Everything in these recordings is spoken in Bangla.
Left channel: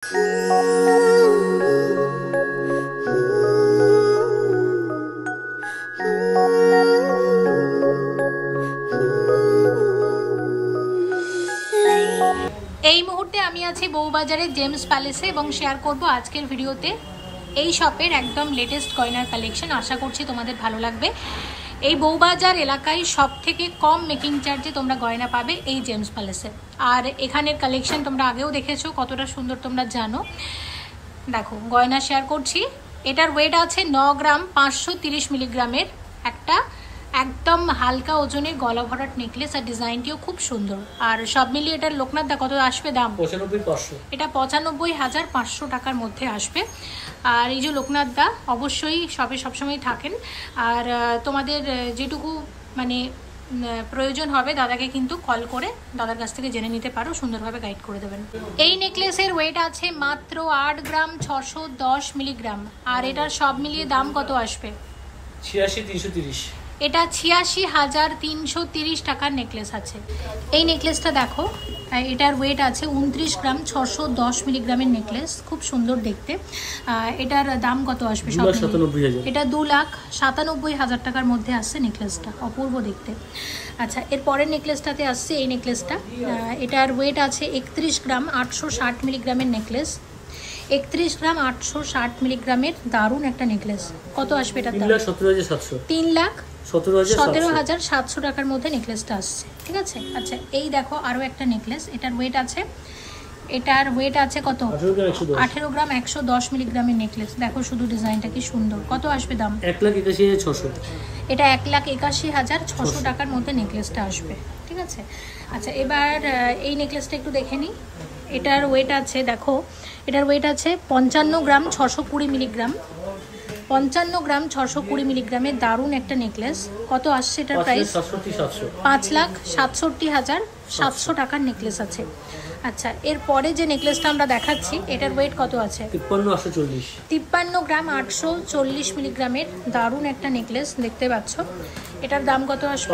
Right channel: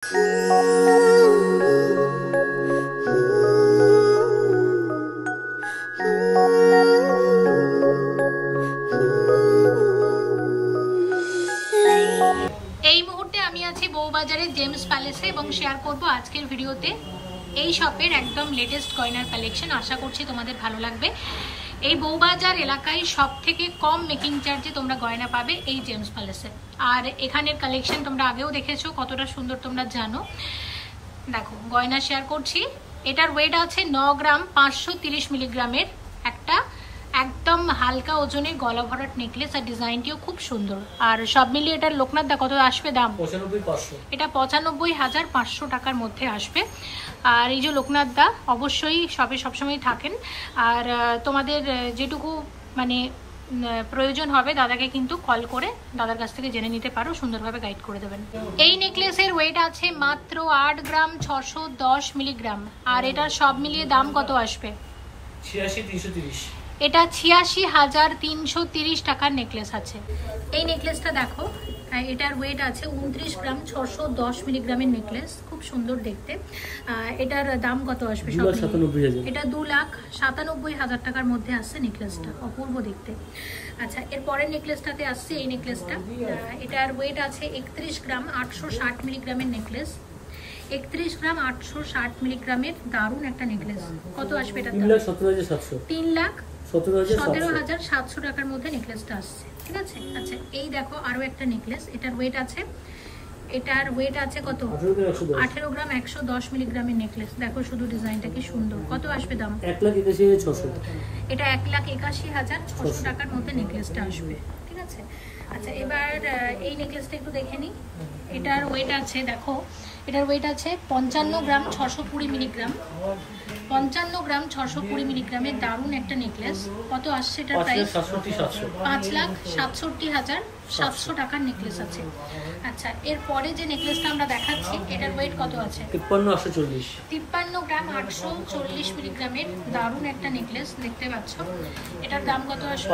এই মুহূর্তে আমি আছি বউবাজারের জেমস প্যালেসে এবং শেয়ার করব আজকের ভিডিওতে এই শপের একদম লেটেস্ট গয়নার কালেকশন। আশা করছি তোমাদের ভালো লাগবে। এই বউবাজার এলাকায় সব থেকে কম মেকিং চার্জে তোমরা গয়না পাবে এই জেমস প্যালেসে। আর এখানের কালেকশন তোমরা আগেও দেখেছো, কতটা সুন্দর তোমরা জানো। দেখো গয়না শেয়ার করছি। এটার ওয়েট আছে 9 গ্রাম 530 মিলিগ্রামের একটা একদম হালকা ওজনের গলা ভরাট নেকলেস। আর ডিজাইনটিও খুব সুন্দর। আর সব মিলিয়ে এটার লোকনাথ দা কত আসবে দাম? 95,500। এটা 95,500 টাকার মধ্যে আসবে। আর এই যে লোকনাথ দা অবশ্যই শপে সবসময় থাকেন। আর তোমাদের যেটুকু মানে প্রয়োজন হবে দাদাকে কিন্তু কল করে দাদার কাছ থেকে জেনে নিতে পারো, সুন্দরভাবে গাইড করে দেবেন। এই নেকলেসের ওয়েট আছে মাত্র 8 গ্রাম 610 মিলিগ্রাম। আর এটার সব মিলিয়ে দাম কত আসবে? 86,330। এটা 86,330 টাকার নেকলেস আছে। এই নেকলেসটা দেখো, এটার ওয়েট আছে 29 গ্রাম 610 মিলিগ্রামের নেকলেস, খুব সুন্দর দেখতে। এটার দাম কত আসবে? এটা 2,97,000 টাকার মধ্যে আসছে নেকলেসটা, অপূর্ব দেখতে। আচ্ছা, এর পরের নেকলেসটাতে আসছে এই নেকলেসটা। এটার ওয়েট আছে 31 গ্রাম 860 মিলিগ্রামের নেকলেস। 31 গ্রাম 860 মিলিগ্রামের দারুণ একটা নেকলেস। কত আসবে এটা? 3,17,700 টাকার মধ্যে নেকলেসটা আসছে, ঠিক আছে। আচ্ছা, এই দেখো আরো একটা নেকলেস। এটার ওয়েট আছে কত? 18 গ্রাম 110 মিলিগ্রামের নেকলেস। দেখো শুধু ডিজাইনটা কি সুন্দর। কত আসবে দাম? 1,81,600। এটা 1,81,600 টাকার মধ্যে নেকলেসটা আসবে, ঠিক আছে। আচ্ছা, এবার এই নেকলেসটা একটু দেখে নিই। এটার ওয়েট আছে, দেখো এটার ওয়েট আছে 55 গ্রাম 620 মিলিগ্রাম। 55 গ্রাম 620 মিলিগ্রামের দারুণ একটা নেকলেস। কত আসছে এটার প্রাইস? 5,67,700 টাকার নেকলেস আছে। আচ্ছা, এরপরে যে নেকলেসটা আমরা দেখাচ্ছি এটার ওয়েট কত আছে? 53 গ্রাম 840 মিলিগ্রামের দারুণ একটা নেকলেস দেখতে পাচ্ছ। এটার দাম কত আসবে?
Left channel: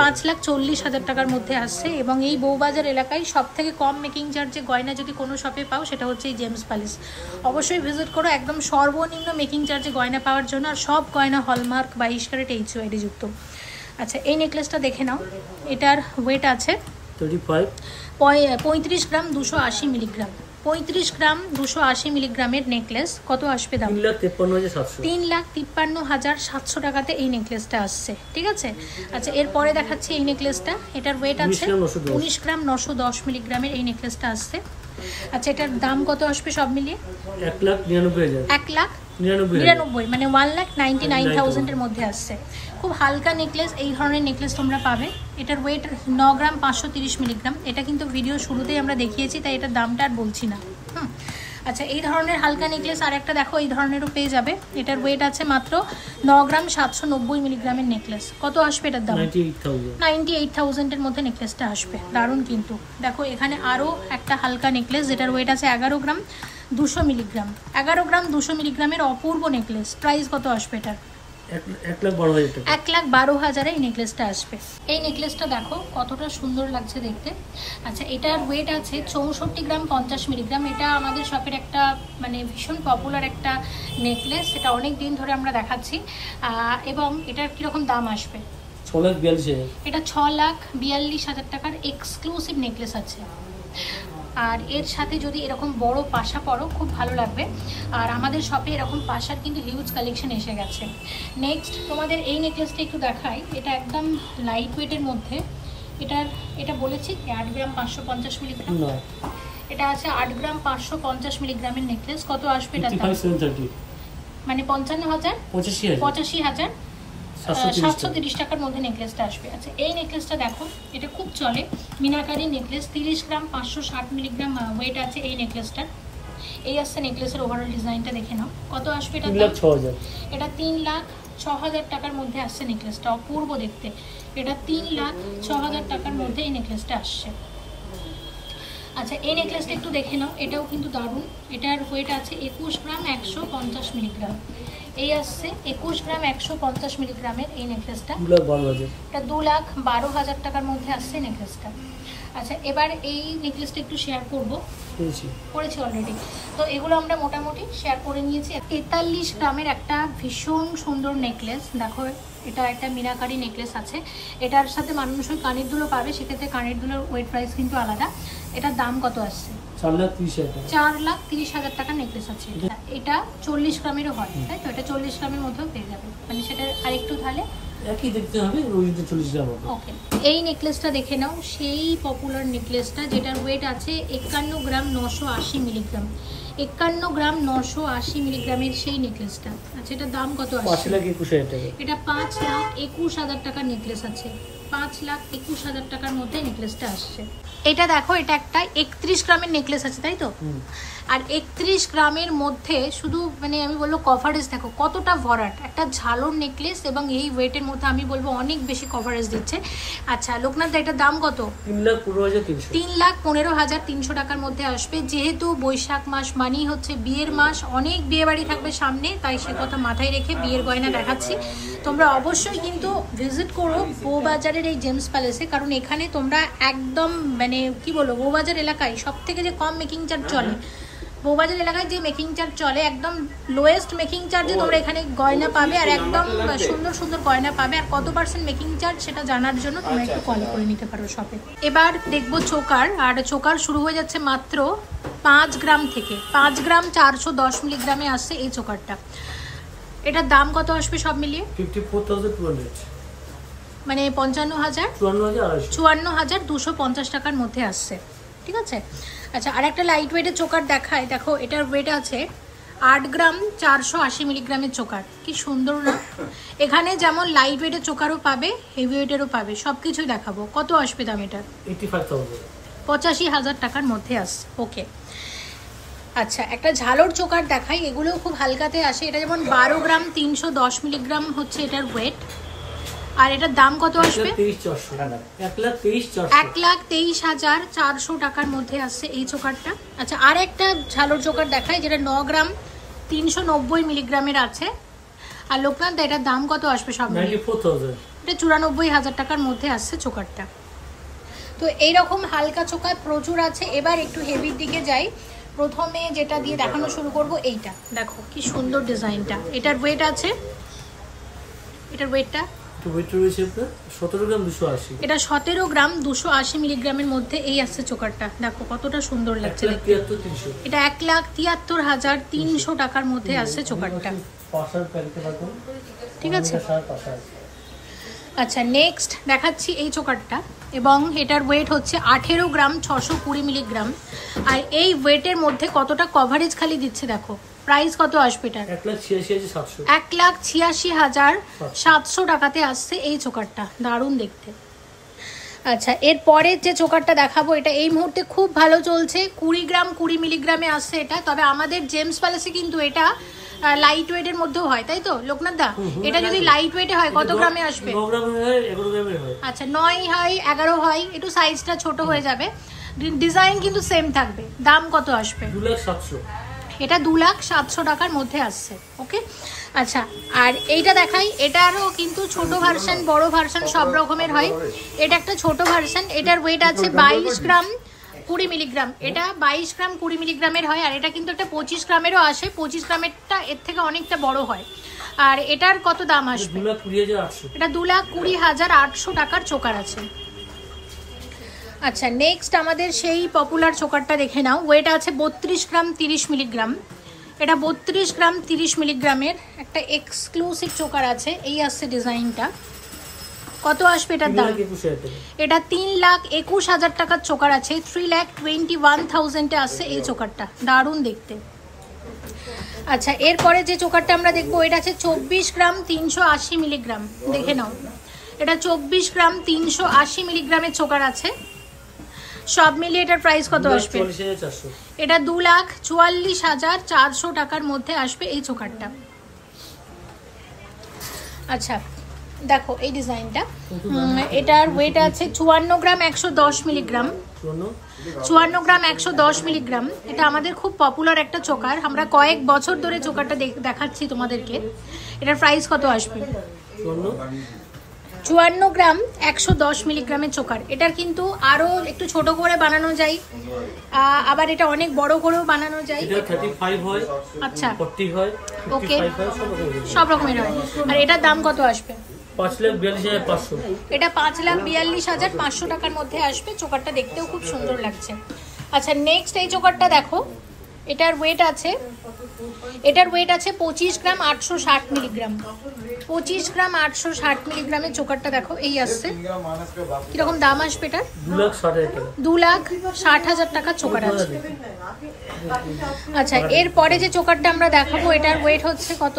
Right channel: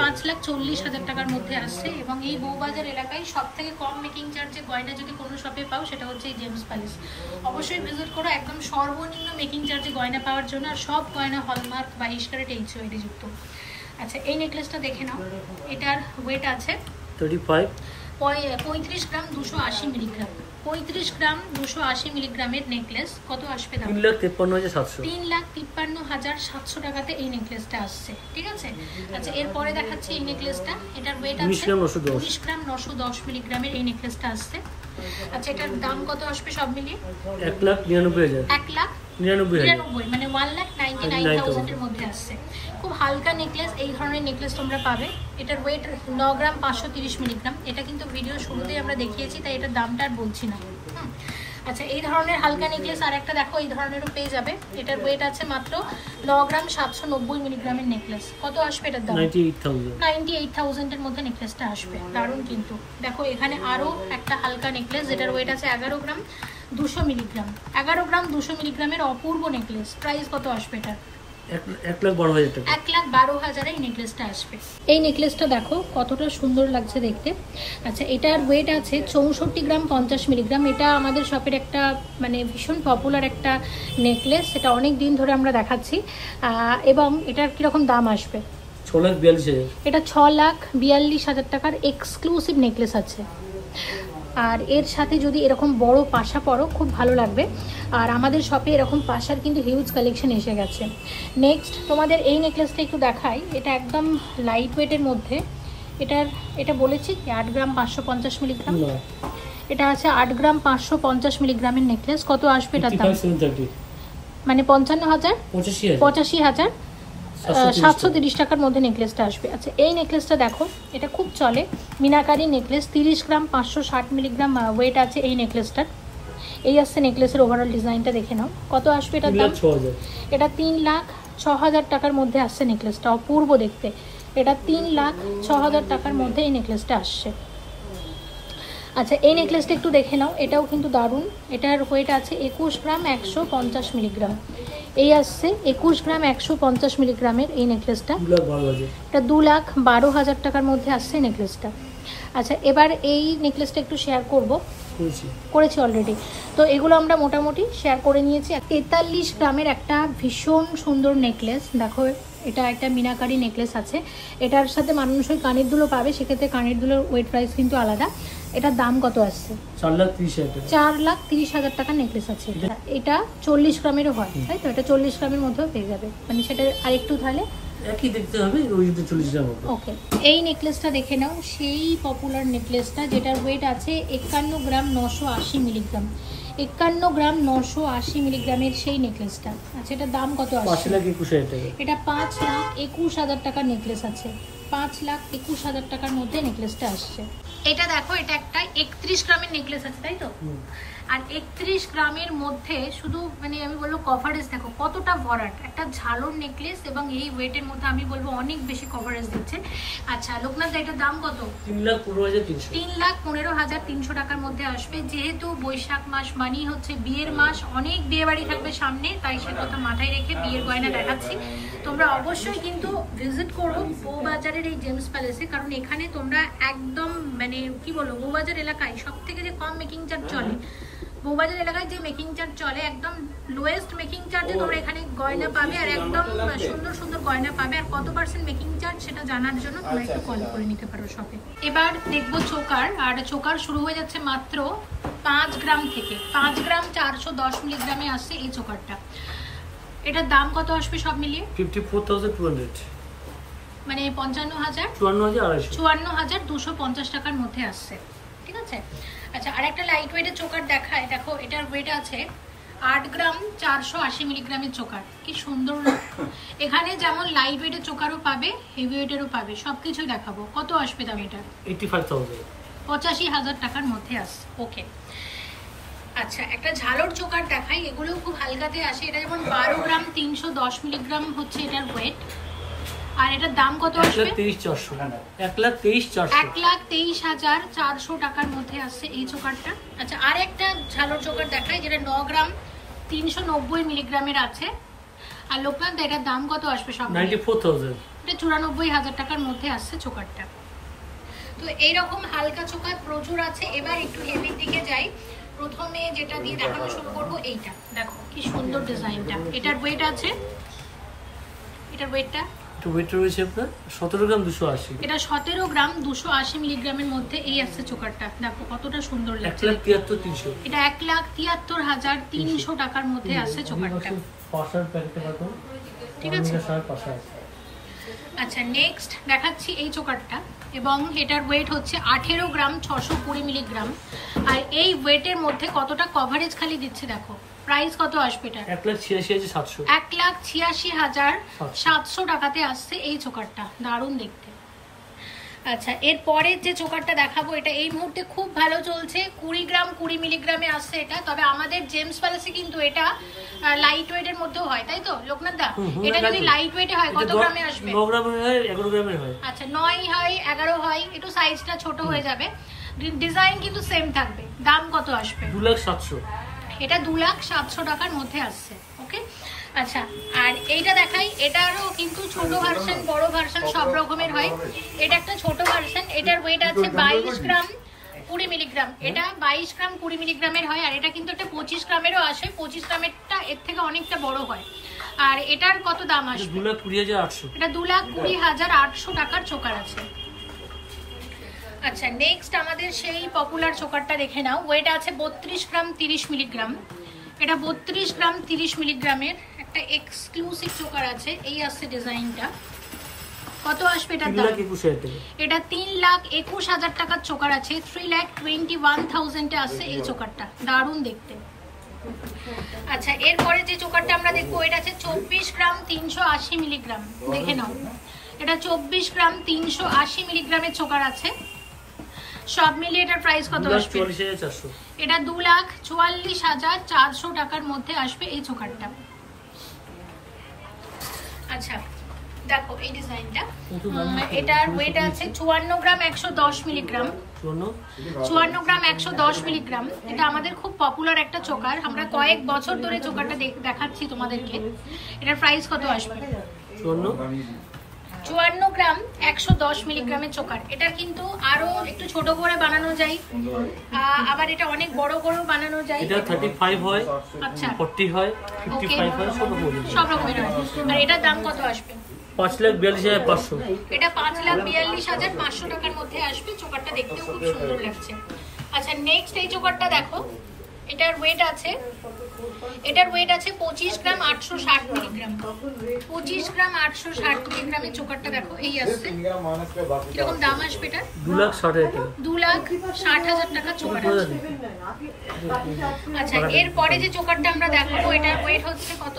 5,40,000 টাকার মধ্যে আসছে। এবং এই বউবাজার এলাকায় সব থেকে কম মেকিং চার্জে গয়না যদি কোনো শপে পাও সেটা হচ্ছে এই জেমস প্যালেস। অবশ্যই ভিজিট করো একদম সর্বনিম্ন মেকিং চার্জে গয়না পাওয়ার জন্য। আর সব গয়না হলমার্ক 22 ক্যারেট HUID যুক্ত। আচ্ছা, এই নেকলেসটা দেখে নাও। এটার ওয়েট আছে 35 গ্রাম 280 মিলিগ্রাম। 35 গ্রাম 280 মিলিগ্রামের নেকলেস। কত আসবে দাম? 3,53,700 টাকাতে এই নেকলেসটা আসছে, ঠিক আছে। আচ্ছা, এরপরে দেখাচ্ছি এই নেকলেসটা। এটার ওয়েট আছে 19 গ্রাম 910 মিলিগ্রামের এই নেকলেসটা আসছে। আচ্ছা, এটার দাম কত আসবে সব মিলিয়ে? 1,99,000 মানে 1,99,000 এর মধ্যে আসছে। খুব হালকা নেকলেস, এই ধরনের নেকলেস তোমরা পাবে। এটার ওয়েট 9 গ্রাম 530 মিলিগ্রাম। এটা কিন্তু ভিডিও শুরুতেই আমরা দেখিয়েছি, তাই এটার দামটা আর বলছি না। আচ্ছা, এই ধরনের হালকা নেকলেস আর একটা দেখো, এই ধরনেরও পেয়ে যাবে। এটার ওয়েট আছে মাত্র 9 গ্রাম 790 মিলিগ্রামের নেকলেস। কত আসবে এটার দাম? 98,000 এর মধ্যে নেকলেসটা আসবে। দারুণ কিন্তু। দেখো এখানে আরো একটা হালকা নেকলেস যেটার ওয়েট আছে 11 গ্রাম 200 মিলিগ্রাম। 11 গ্রাম 200 মিলিগ্রামের অপূর্ব নেকলেস। প্রাইস কত আসবে এটা? 1,12,000 এই নেকলেসটা আসবে। এই নেকলেসটা দেখো কতটা সুন্দর লাগছে দেখতে। আচ্ছা, এটার ওয়েট আছে 64 গ্রাম 50 মিলিগ্রাম। এটা আমাদের শপের একটা মানে ভীষণ পপুলার একটা নেকলেস, এটা অনেক দিন ধরে আমরা দেখাচ্ছি। এবং এটার কিরকম দাম আসবে? 6,42,000। এটা 6,42,000 টাকার এক্সক্লুসিভ নেকলেস আছে। আর এর সাথে যদি এরকম বড় পাশা পরো খুব ভালো লাগবে। আর আমাদের শপে এরকম পাশার কিন্তু হিউজ কালেকশন এসে গেছে। নেক্সট তোমাদের এই নেকলেসটা একটু দেখাই। এটা একদম লাইট ওয়েটের মধ্যে। এটা বলেছি 8 গ্রাম 550 মিলিগ্রাম। এটা আছে 8 গ্রাম 550 মিলিগ্রামের নেকলেস। কত আসবে এটা? মানে 85,730 টাকার মধ্যে নেকলেসটা আসবে। আচ্ছা, এই নেকলেসটা দেখো, এটা খুব চলে মিনাকারি নেকলেস। 30 গ্রাম 560 মিলিগ্রাম ওয়েট আছে এই নেকলেসটার। এই আসছে নেকলেসের ওভারঅল ডিজাইনটা দেখে নাও। কত আসবে এটা? 3,06,000। এটা 3,06,000 টাকার মধ্যে আসছে নেকলেসটা, অপূর্ব দেখতে। এটা 3,06,000 টাকার মধ্যে এই নেকলেসটা আসছে। আচ্ছা, এই নেকলেসটা একটু দেখে নাও। এটাও কিন্তু দারুণ। এটার ওয়েট আছে 21 গ্রাম 150 মিলিগ্রাম। এই আসছে 21 গ্রাম 150 মিলিগ্রামের এই নেকলেসটা। এটা 2,12,000 টাকার মধ্যে আসছে নেকলেসটা। আচ্ছা, এবার এই নেকলেসটা একটু শেয়ার করব। করেছি অলরেডি। তো এগুলো আমরা মোটামুটি শেয়ার করে নিয়েছি। 43 গ্রামের একটা ভীষণ সুন্দর নেকলেস, দেখো এটা একটা মিনাকারি নেকলেস আছে, এটার সাথে মানুষের কানের দুলো পাবে, সেক্ষেত্রে কানের দুলোর ওয়েট প্রাইস কিন্তু আলাদা। এটার দাম কত আসছে? 4,30,000 টাকার নেকলেস আছে। এটা 40 গ্রামেরও হয়, তাই তো? এটা 40 গ্রামের মধ্যেও পেয়ে যাবে, মানে সেটা আরেকটু তাহলে একই দেখতে হবে, ওই 40 গ্রাম মতো। ওকে, এই নেকলেসটা দেখে নাও, সেই পপুলার নেকলেসটা যেটার ওয়েট আছে 51 গ্রাম 980 মিলিগ্রাম। 51 গ্রাম 980 মিলিগ্রামের সেই নেকলেসটা। আচ্ছা, এটার দাম কত আছে? 5,21,000 টাকা। এটা 5,21,000 টাকার নেকলেস আছে। 5,21,000 টাকার মধ্যে নেকলেসটা আসছে। এটা দেখো, এটা একটা 31 গ্রামের নেকলেস আছে, তাই তো? আর 31 গ্রামের মধ্যে শুধু মানে আমি বলবো কভারেজ দেখো কতটা ভরাট, একটা ঝালর নেকলেস, এবং এই ওয়েটের মধ্যে আমি বলবো অনেক বেশি কভারেজ দিচ্ছে। আচ্ছা লোকনাথ, এটার দাম কত? 3,15,300 টাকার মধ্যে আসবে। যেহেতু বৈশাখ মাস মানেই হচ্ছে বিয়ের মাস, অনেক বিয়ে বাড়ি থাকবে সামনে, তাই সে কথা মাথায় রেখে বিয়ের গয়না দেখাচ্ছি। তোমরা অবশ্যই কিন্তু ভিজিট করো বউবাজারের এই জেমস প্যালেসে, কারণ এখানে তোমরা একদম মানে কি বলবো, বউবাজার এলাকায় সব থেকে যে কম মেকিং চার্জ চলে, বউবাজার এলাকায় যে মেকিং চার্জ চলে একদম লোয়েস্ট মেকিং চার্জে তোমরা এখানে গয়না পাবে, আর একদম সুন্দর সুন্দর গয়না পাবে। আর কত পার্সেন্ট মেকিং চার্জ সেটা জানার জন্য তোমরা একটু কল করে নিতে পারো শপে। এবার দেখবো চোকার, আর চোকার শুরু হয়ে যাচ্ছে মাত্র 5 গ্রাম থেকে। 5 গ্রাম 410 মিলিগ্রামে আসছে এই চোকারটা। এটার দাম কত আসবে সব মিলিয়ে? 54,200, মানে 54,250 টাকার মধ্যে আসছে, ঠিক আছে? আচ্ছা, আর একটা লাইট ওয়েটের চোকার দেখায়, দেখো এটার ওয়েট আছে 8 গ্রাম 480 মিলিগ্রামের চোকার। কি সুন্দর না? এখানে যেমন লাইট ওয়েটের চোকারও পাবে, হেভি ওয়েটেরও পাবে, সবকিছুই দেখাবো। কত আসবে দাম এটা? 85,000 টাকার মধ্যে আসছে। ওকে, আচ্ছা একটা ঝালর চোকার দেখাই, এগুলো খুব হালকাতে আসে। এটা যেমন 12 গ্রাম 310 মিলিগ্রাম হচ্ছে এটার ওয়েট। আর এটার দাম কত আসবে? 1,23,400 টাকার মধ্যে আসছে এই চোকারটা। আচ্ছা, আর একটা ঝালর চোকার দেখাই, যেটা 9 গ্রাম 390 মিলিগ্রামের আছে। আর লোকনাথ, এটার দাম কত আসবে সব? 94,000। এটা 94,000 টাকার মধ্যে আসছে চোকারটা। তো এইরকম হালকা চোকার প্রচুর আছে। এবার একটু হেভির দিকে যাই। প্রথমে যেটা দিয়ে দেখানো শুরু করবো, এইটা দেখো কি সুন্দর ডিজাইনটা। এটার ওয়েট আছে, এটার ওয়েটটা আপনার 17 গ্রাম 280। এটা 17 গ্রাম 280 মিলিগ্রামের মধ্যে এই আসছে চোকারটা। দেখো কতটা সুন্দর লাগছে। 1,73,300। এটা 1,73,300 টাকার মধ্যে আসছে চোকারটা, ঠিক আছে? আচ্ছা, নেক্সট দেখাচ্ছি এই চোকারটা, এবং এটার ওয়েট হচ্ছে 18 গ্রাম 620 মিলিগ্রাম। আর এই ওয়েটের মধ্যে কতটা কভারেজ খালি দিচ্ছে দেখো। প্রাইস কত আসবে এটা? 1,86,700। 1,86,700 টাকাতে আসছে এই চোকারটা, দারুণ দেখতে। আচ্ছা, এরপরে যে চোকারটা দেখাবো, এটা এই মুহূর্তে খুব ভালো চলছে, 20 গ্রাম 20 মিলিগ্রামে আসছে এটা। তবে আমাদের জেমস প্যালেসে কিন্তু এটা লাইট ওয়েটের মধ্যেও হয়, তাই তো লোকনাথ দা? এটা যদি লাইট ওয়েটে হয় কত গ্রামে আসবে? 9 গ্রামের হয়, 11 গ্রামের হয়। আচ্ছা, 9 হয়, 11 হয়, একটু সাইজটা ছোট হয়ে যাবে, ডিজাইন কিন্তু সেম থাকবে। দাম কত আসবে? 2,07,000। এটা 2,07,000 টাকার মধ্যে আসছে। ওকে, আচ্ছা আর এইটা দেখাই, এটারও কিন্তু ছোট ভার্সন বড় ভার্সন সব রকমের হয়। এটা একটা ছোট ভার্সন, এটার ওয়েট আছে 22 গ্রাম 20 মিলিগ্রাম। এটা 22 গ্রাম 20 মিলিগ্রামের হয়। আর এটা কিন্তু একটা 25 গ্রামেরও আসে, 25 গ্রামেরটা এর থেকে অনেকটা বড় হয়। আর এটার কত দাম আসবে? 2,20,800। এটা 2,20,800 টাকার চোকার আছে। আচ্ছা, নেক্সট আমাদের সেই পপুলার চোকারটা দেখে নাও। ওয়েট আছে 32 গ্রাম 30 মিলিগ্রাম। এটা 32 গ্রাম 30 মিলিগ্রামের একটা এক্সক্লুসিভ চোকার আছে। এই আসছে ডিজাইনটা। কত আসবে এটার দাম? এটা 3,21,000 টাকার চোকার আছে। 3,21,000 আসছে এই চোকারটা, দারুণ দেখতে। আচ্ছা, এরপরে যে চোকারটা আমরা দেখবো, এটা আছে 24 গ্রাম 380 মিলিগ্রাম। দেখে নাও, এটা 24 গ্রাম 380 মিলিগ্রামের চোকার আছে। সব মিলিয়ে এটার প্রাইস কত আসবে? এটা 2,44,400 টাকার মধ্যে আসবে এই চোকারটা। আচ্ছা দেখো এই ডিজাইনটা, এটার ওয়েট আছে 54 গ্রাম 110 মিলিগ্রাম। 54 গ্রাম 110 মিলিগ্রাম। এটা আমাদের খুব পপুলার একটা চোকার, আমরা কয়েক বছর ধরে চোকারটা দেখাচ্ছি তোমাদেরকে। এটার প্রাইস কত আসবে? 54 গ্রাম 110 মিলিগ্রামের চোকার। এটার কিন্তু আরো একটু ছোট করে বানানো যায়, আবার এটা অনেক বড় করেও বানানো যায়। এটা 35 হয়, আচ্ছা 40 হয়, 55 হয়, সব রকমের হয়। আর এটার দাম কত আসবে? 5,42,500। এটা 5,42,500 টাকার মধ্যে আসবে। চোকারটা দেখতেও খুব সুন্দর লাগছে। আচ্ছা নেক্সট এই চোকারটা দেখো, এটার ওয়েট আছে 25 গ্রাম 860 মিলিগ্রাম। 25 গ্রাম 860 মিলিগ্রামের চোকারটা দেখো এই আসছে। কিরকম দাম আসবে এটা? 2,60,000 টাকার চোকার আছে। আচ্ছা এরপরে যে চোকারটা আমরা দেখাবো এটার ওয়েট হচ্ছে কত?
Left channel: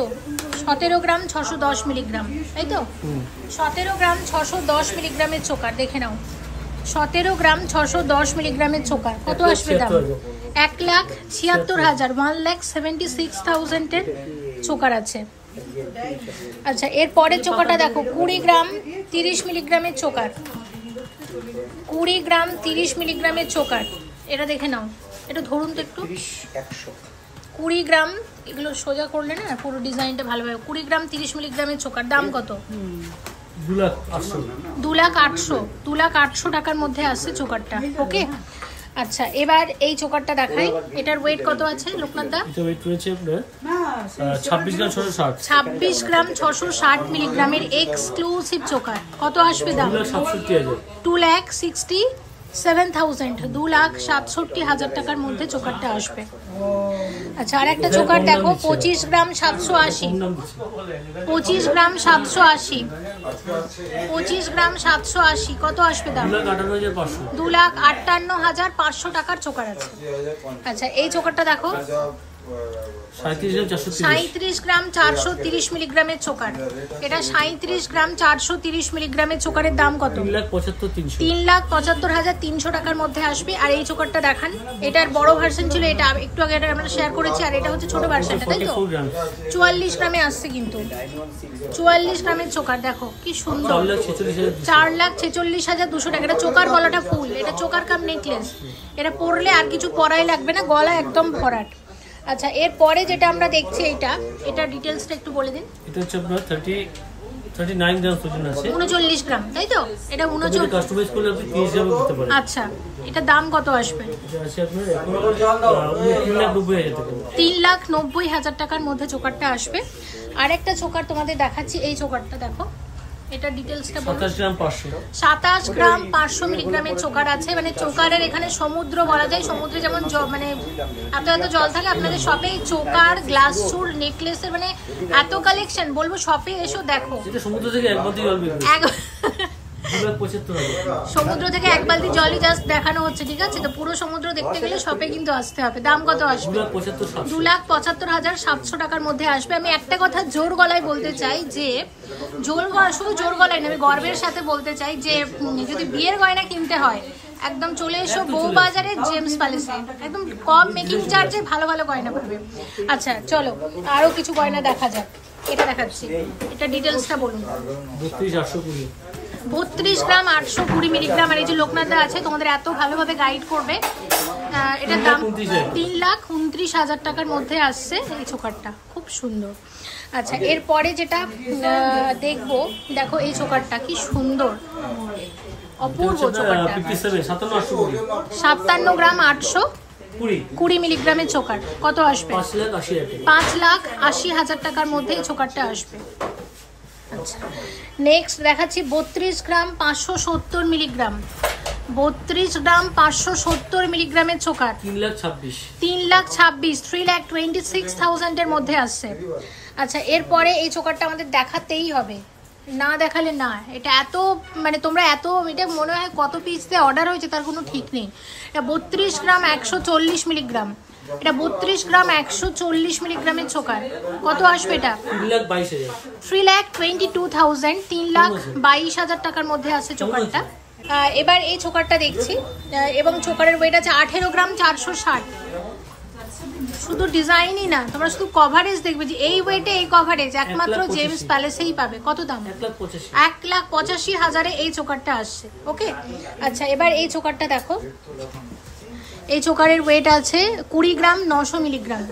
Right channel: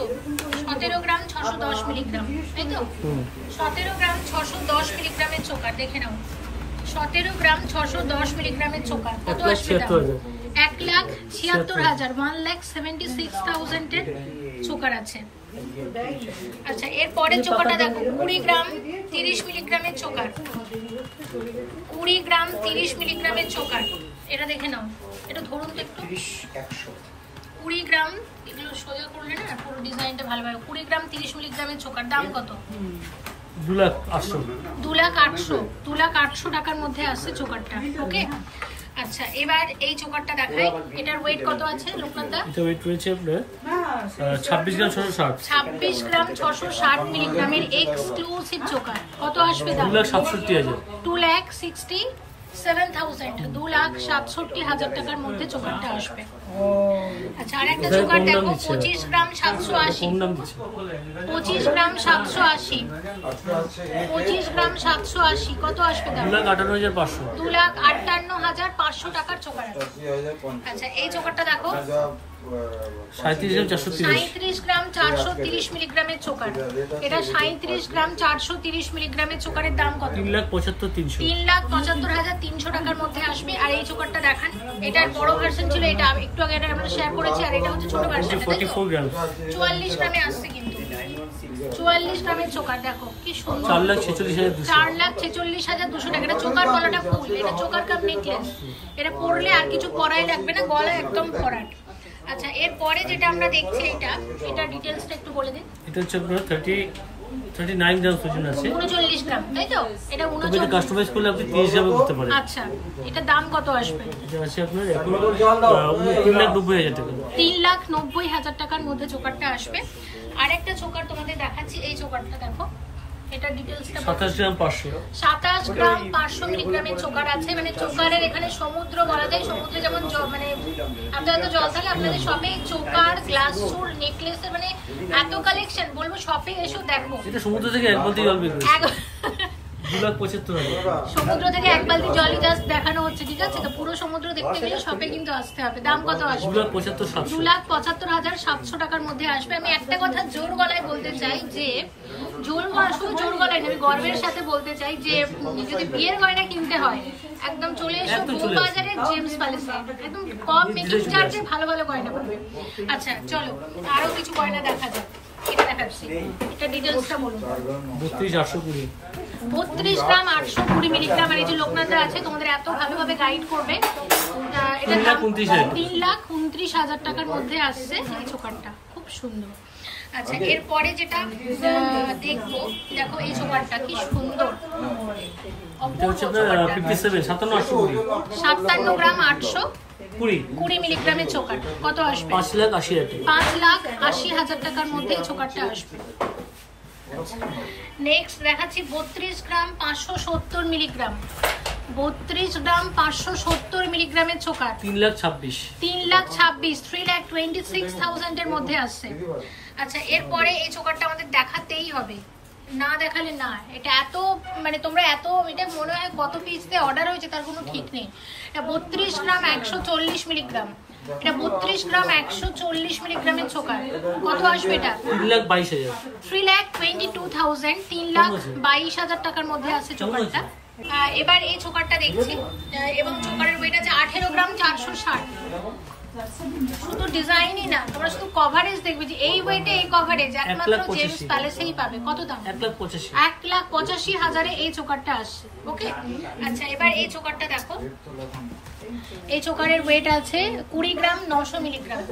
17 গ্রাম 610 মিলিগ্রাম, তাই তো? 17 গ্রাম 610 মিলিগ্রামের চোকার দেখে নাও। 17 গ্রাম 610 মিলিগ্রামের চোকার কত আসবে দাম? 1,76,000, 1,76,000 এর চোকার আছে। আচ্ছা এরপরের চোকারটা দেখো 20 গ্রাম 30 মিলিগ্রামের চোকার। 20 গ্রাম 30 মিলিগ্রামের চোকার, এটা দেখে নাও। এটা ধরুন তো একটু। 20 গ্রাম, এগুলো সোজা করলে না পুরো ডিজাইনটা ভালোভাবে। 20 গ্রাম 30 মিলিগ্রামের চোকার, দাম কত? 2,08,000 টাকার মধ্যে আসছে চোকারটা। ওকে আচ্ছা এবার এই চোকারটা দেখাই। এটার ওয়েট কত আছে লোকনাথ দা? এটা ওয়েট রয়েছে আপনার 26 গ্রাম 660। 26 গ্রাম 660 মিলিগ্রামের এক্সক্লুসিভ চোকার কত আসবে দাম? 2,67,000। 2,67,000, 2,67,000 টাকার মধ্যে চোকারটা আসবে। আচ্ছা আর একটা চোকার দেখো 25 গ্রাম 780। 25 গ্রাম 780, 25 গ্রাম 780 কত আসবে দাম? 2,58,500। 2,58,500 টাকার চোকার আছে। আচ্ছা এই চোকারটা দেখো 37 গ্রাম 430 মিলিগ্রামের চোকার। এটা 37 গ্রাম 430 মিলিগ্রামের চোকারের দাম কত? 3,75,300। 3,75,300 টাকার মধ্যে আসবে। আর এই চোকারটা দেখান, এটার বড় ভার্সন ছিল, এটা একটু আগে এটা আমরা শেয়ার করেছি, আর এটা হচ্ছে ছোট ভার্সন। 44 গ্রাম 44 গ্রামে আসছে কিন্তু। 44 গ্রামের চোকার দেখো কি সুন্দর। 4,46,200 টাকা। এটা চোকার গলাটা ফুল, এটা চোকার কাপ নেকলেস। এটা পরলে আর কিছু পরাই লাগবে না, গলা একদম ভরাট। আচ্ছা এরপরে যেটা আমরা দেখছি এটা ডিটেইলসটা একটু বলে দিন। এটা হচ্ছে আপনার 39 গ্রাম ওজন আছে। 39 গ্রাম, তাই তো? এটা 39 কাস্টমাইজ করলে আপনি 30 গ্রামে করতে পারেন। আচ্ছা এটা দাম কত আসবে? এটা আছে আপনার এখন 3,90,000 টাকা। 3,90,000 টাকার মধ্যে চোকারটা আসবে। আরেকটা চোকার তোমাদের দেখাচ্ছি, এই চোকারটা দেখো। এটা ডিটেইলসটা 27 গ্রাম 500। 27 গ্রাম 500 মিলিগ্রামের চোকার আছে। মানে চোকারের এখানে সমুদ্র বলা যায়। সমুদ্রে যেমন মানে আপনাদের তো জল থাকে, আপনাদের শপে চোকার, গ্লাস সুর, নেকলেসের মানে এত কালেকশন, বলবো শপে এসো দেখো। এটা সমুদ্র থেকে এক বালতি জল বের করে। সমুদ্র থেকে এক বালতি জলই জাস্ট দেখানো হচ্ছে, ঠিক আছে? তো পুরো সমুদ্র দেখতে গেলে শপে কিন্তু আসতে হবে। দাম কত আসবে? 2,75,700 টাকার মধ্যে আসবে। আমি একটা কথা জোর গলায় বলতে চাই যে শুধু জোর গলায় না, আমি গর্বের সাথে বলতে চাই যে যদি বিয়ের গয়না কিনতে হয় একদম চলে এসো বউবাজারের জেমস প্যালেসে, একদম কম মেকিং চার্জে ভালো ভালো গয়না পাবে। আচ্ছা চলো আরো কিছু গয়না দেখা যাক। এটা দেখাচ্ছি, এটা ডিটেলসটা বলুন। 32 গ্রাম 820 মিলিগ্রাম। আর এই যে লোকনাথা আছে তোমাদের এত ভালোভাবে গাইড করবে। এটার দাম 3,29,000 টাকার মধ্যে আসছে এই চোকারটা, খুব সুন্দর। আচ্ছা এরপরে যেটা দেখবো, দেখো এই চোকারটা কি সুন্দর, অপূর্ব চোকারটা। 57 গ্রাম 820 মিলিগ্রামের চোকার কত আসবে? 5,80,000 টাকার মধ্যে এই চোকারটা আসবে। নেক্সট দেখাচ্ছি 32 গ্রাম 570 মিলিগ্রাম। 32 গ্রাম 570 মিলিগ্রামের চোকার 3,26,000, 3,26,000 এর মধ্যে আসছে। আচ্ছা এরপরে এই চোকারটা আমাদের দেখাতেই হবে, না দেখালে না। এটা এত মানে তোমরা এত, এটা মনে হয় কত পিস দিয়ে অর্ডার হয়েছে তার কোনো ঠিক নেই। এটা 32 গ্রাম 140 মিলিগ্রাম। এটা 32 গ্রাম 140 মিলিগ্রামের চোকার কত আসবে? এটা 3,22,000, 3,22,000 টাকার মধ্যে আসছে চোকারটা। এবার এই চোকারটা দেখছি, এবং চোকারের ওয়েট আছে 18 গ্রাম 460। শুধু ডিজাইনই না, তোমরা শুধু কভারেজ দেখবে যে এই ওয়েটে এই কভারেজ একমাত্র জেমস প্যালেসেই পাবে। কত দাম? 1,85,000 এই চোকারটা আসছে। ওকে আচ্ছা এবার এই চোকারটা দেখো, এই চোকারের ওয়েট আছে 20 গ্রাম 900 মিলিগ্রাম।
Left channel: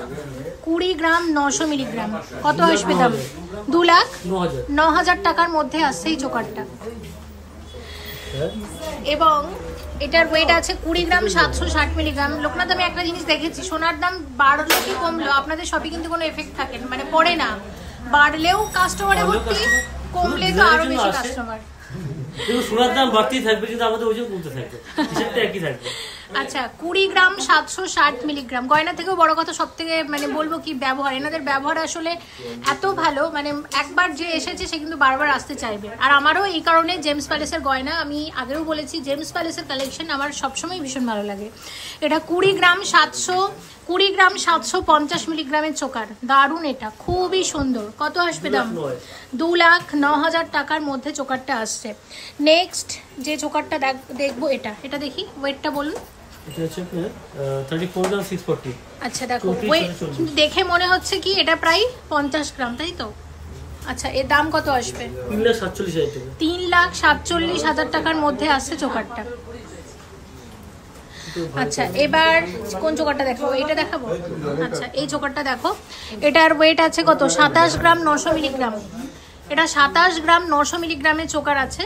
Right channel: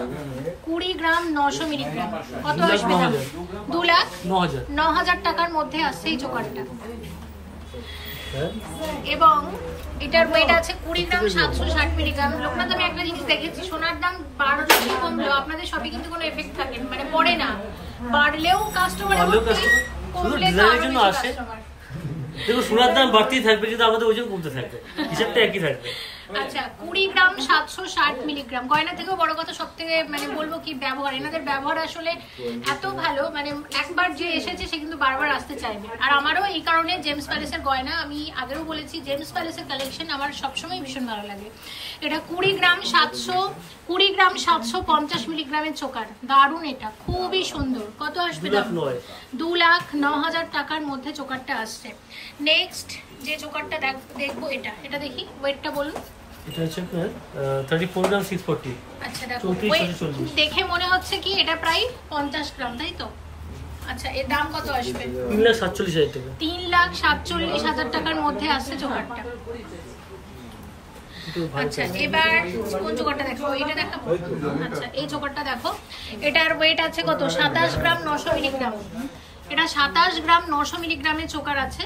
20 গ্রাম 900 মিলিগ্রাম। কত আসবে দাম? 2,09,000 টাকার মধ্যে আসছে এই চোকারটা। এবং এটার ওয়েট আছে 20 গ্রাম 760 মিলিগ্রাম। লোকনাথ, আমি একটা জিনিস দেখেছি, সোনার দাম বাড়লো কি কমলো আপনাদের সবই কিন্তু কোনো এফেক্ট থাকে না, মানে পড়ে না। বাড়লেও কাস্টমারের ভর্তি, কমলে তো আরো বেশি কাস্টমার। দেখো সোনার দাম বাড়তেই থাকবে কিন্তু আমাদের ওজন কমতে থাকবে, হিসাবটা একই থাকবে। আচ্ছা 20 গ্রাম 760 মিলিগ্রাম। গয়না থেকেও বড় কথা সব থেকে মানে বলবো কি ব্যবহার, এনাদের ব্যবহার আসলে এত ভালো, মানে একবার যে এসেছে সে কিন্তু বারবার আসতে চাইবে। আর আমারও এই কারণে জেমস প্যালেসের গয়না, আমি আগেও বলেছি জেমস প্যালেসের কালেকশন আমার সবসময় ভীষণ ভালো লাগে। এটা 20 গ্রাম 750 মিলিগ্রামের চোকার, দারুণ, এটা খুবই সুন্দর। কত আসবে দাম? 2,09,000 টাকার মধ্যে চোকারটা আসছে। নেক্সট যে চোকারটা দেখবো এটা দেখি, ওয়েটটা বলুন। এটা হচ্ছে আপনার 34 গ্রাম 640। আচ্ছা দেখো দেখে মনে হচ্ছে কি এটা প্রায় 50 গ্রাম, তাই তো? আচ্ছা এর দাম কত আসবে? 3,47,000 টাকা। 3,47,000 টাকার মধ্যে আসছে চোকারটা। আচ্ছা এবার কোন চোকারটা দেখাবো? এটা দেখাবো। আচ্ছা এই চোকারটা দেখো, এটার ওয়েট আছে কত? 27 গ্রাম 900 মিলিগ্রাম। এটা 27 গ্রাম 900 মিলিগ্রামের চোকার আছে।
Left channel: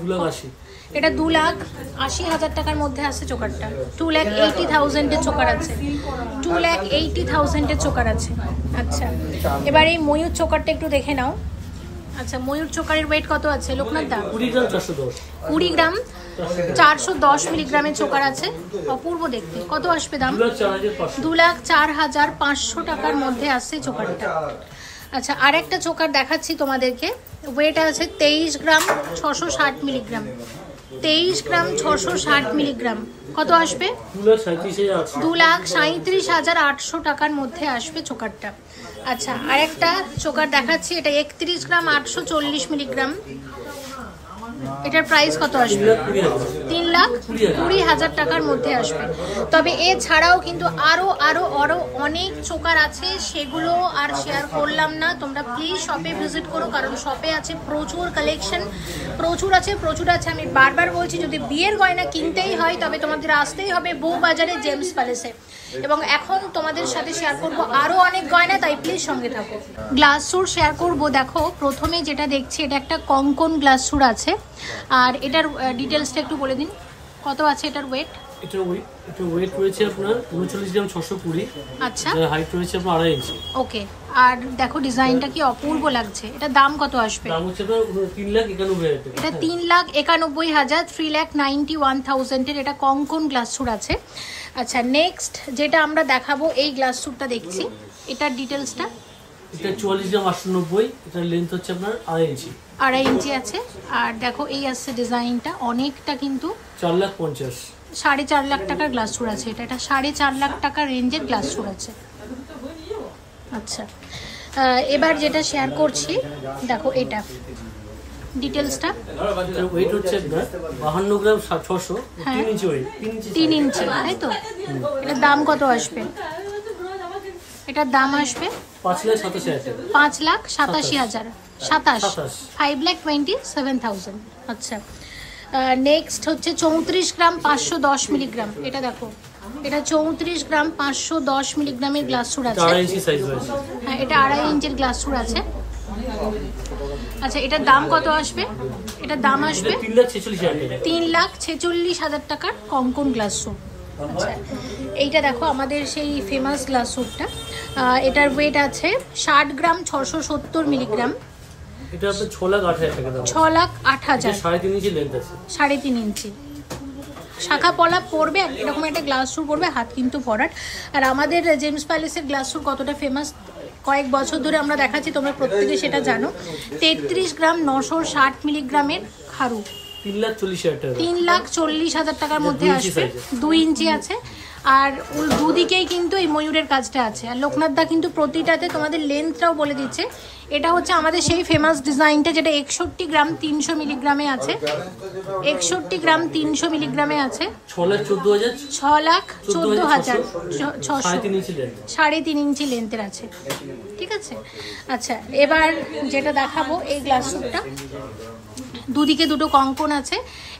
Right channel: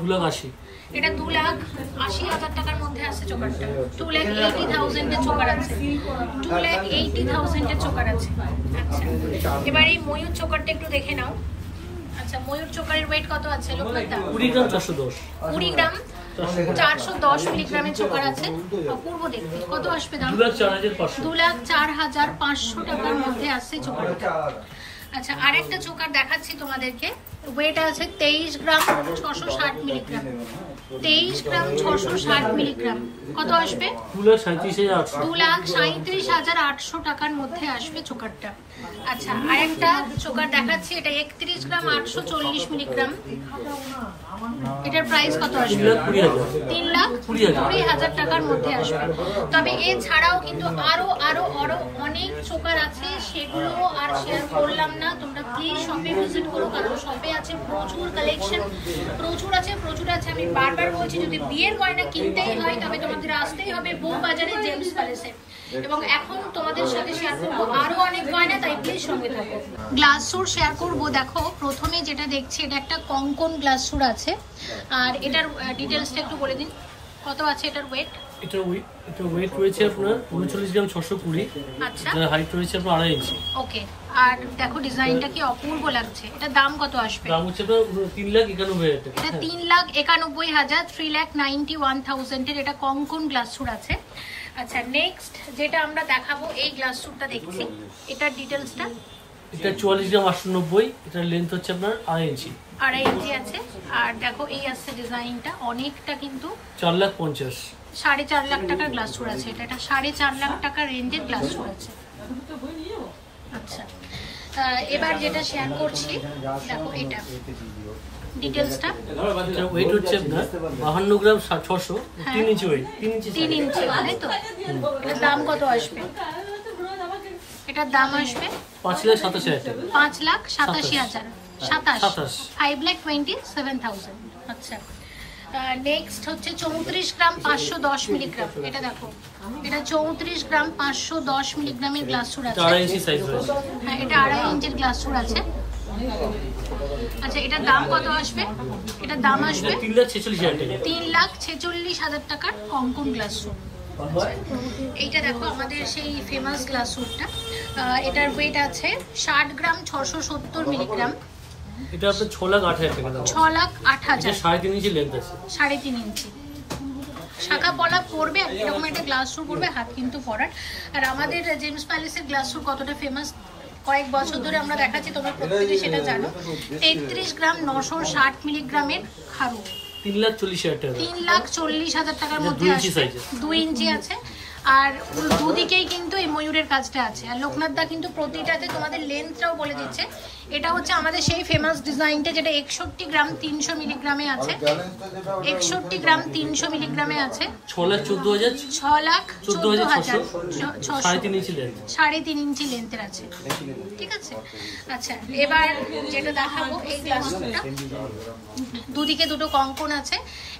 2,80,000। এটা 2,80,000 টাকার মধ্যে আসছে চোকারটা। 2,80,000 এর চোকার আছে। 2,80,000 এর চোকার আছে। আচ্ছা এবার এই ময়ূর চোকারটা একটু দেখে নাও। আচ্ছা ময়ূর চোকারের ওয়েট কত আছে লোকনাথ দা? 20 গ্রাম 410। 20 গ্রাম 410 মিলিগ্রামের চোকার আছে, অপূর্ব দেখতে। কত আসবে দাম? 2,04,500 টাকার মধ্যে আসছে চোকারটা। আচ্ছা আর একটা চোকার দেখাচ্ছি তোমাদেরকে, ওয়েট আছে 23 গ্রাম 660 মিলিগ্রাম। 23 গ্রাম 660 মিলিগ্রাম। কত আসবে? 2,37,800 টাকার মধ্যে আসবে চোকারটা। আচ্ছা আর একটা চোকার দেখাচ্ছি, এটা 31 গ্রাম 840 মিলিগ্রাম। এটার প্রাইস কত আসবে? 3,20,000 টাকার মধ্যে আসবে। তবে এছাড়াও কিন্তু আরো অনেক চোকার আছে, সেগুলো আর শেয়ার করলাম না। তোমরা প্লিজ শপে ভিজিট করো, কারণ শপে আছে প্রচুর কালেকশন, প্রচুর আছে। আমি বারবার বলছি, যদি বিয়ের গয়না কিনতেই হয় তবে তোমাদের আসতেই হবে বউবাজারে জেমস প্যালেসে। এবং এখন তোমাদের সাথে শেয়ার করবো আরো অনেক গয়না, তাই প্লিজ সঙ্গে থাকো। গ্লাস সুর শেয়ার করবো। দেখো প্রথমে যেটা দেখছি, এটা একটা কঙ্কন গ্লাস সুর আছে। আর এটার ডিটেলসটা একটু বলে দিন, কত আছে এটার ওয়েট? এটার ওয়েট রয়েছে আপনার 39 গ্রাম 620। আচ্ছা হাইট রয়েছে আপনার 2.5 ইঞ্চি। ওকে। আর দেখো ডিজাইনটা কি অপূর্ব লাগছে। এটা দাম কত আসবে? দাম হচ্ছে 3,91,000 টাকা। এটা 3,91,000, 3,91,000 এর এটা কঙ্কন গ্লাস সুর আছে। আচ্ছা নেক্সট যেটা আমরা দেখাবো, এই গ্লাস সুরটা দেখছি, এটার ডিটেলসটা। এটা 44 গ্রাম 890। এটার লেন্থ হচ্ছে আপনার 2.5 ইঞ্চি। 2.5 ইঞ্চি আছে। আর দেখো এই আসছে ডিজাইনটা, অনেকটা কিন্তু 4,50,000। 4.5 লাখ টাকার গ্লাস সুর আছে। এটা 4.5 লাখ টাকার রেঞ্জের গ্লাস সুর আছে। আচ্ছা এবার যেটা শেয়ার করছি, দেখো এটা ডিটেলসটা। এটা ওয়েট হচ্ছে আপনার 52 গ্রাম 600, 3 ইঞ্চি ওয়েট। 3 ইঞ্চি তাই তো? এটার দাম কত আসবে? এটার দাম আসবে 5,87,000 টাকা। 5,87,000। 5,27,000। আচ্ছা নেক্সট হচ্ছে 34 গ্রাম 510 মিলিগ্রাম। এটা দেখো, এটা 34 গ্রাম 510 মিলিগ্রামের গ্লাস সুর আছে। 2.5 ইঞ্চি সাইজ আছে। হ্যাঁ এটা 2.5 ইঞ্চির গ্লাস সুর আছে। আচ্ছা এটার দাম কত আসবে? এটার দাম আসবে 3,46,000 টাকা। 3,46,000 টাকার কঙ্কন গ্লাস সুর। এইটা দেখো আমাদের সেই ফেমাস গ্লাস সুটটা। এটার ওয়েট আছে 60 গ্রাম 670 মিলিগ্রাম। এটা আপনার 6,08,000 টাকা দাম। 6,08,000। 3.5 ইঞ্চি লেন্থ আছে। 3.5 ইঞ্চি শাখা পলা পড়বে, এরকম একটা গ্লাস সুর পড়বে, হাত কিন্তু পরার। আর আমাদের জেমস প্যালেসের গ্লাস সুর কতটা ফেমাস কয়েক বছর ধরে আমরা দেখাচ্ছি, তোমরা প্রত্যেকে সেটা জানো। 33 গ্রাম 960 মিলিগ্রামের খারু। 3,40,000 টাকা। 3,40,000 টাকার মধ্যে আসবে। 2 ইঞ্চি আছে। আর দুদিকেই কিন্তু এই ময়ূরের কাজটা আছে। আর লোকনাথ দা কিন্তু প্রতিটাতে তোমাদের লেন্থটাও বলে দিচ্ছে। এটা হচ্ছে আমাদের সেই ফেমাস ডিজাইনটা, যেটা 61 গ্রাম 300 মিলিগ্রামে আছে। 61 গ্রাম 300 মিলিগ্রামে আছে। 6,14,000। 6,14,000। 3.5 ইঞ্চি লেন্থ। 3.5 ইঞ্চি লেন্থের আছে। ঠিক আছে। আচ্ছা এবার যেটা দেখাবো, এই গ্লাস সুটটা, দুদিকে দুটো কঙ্কন আছে।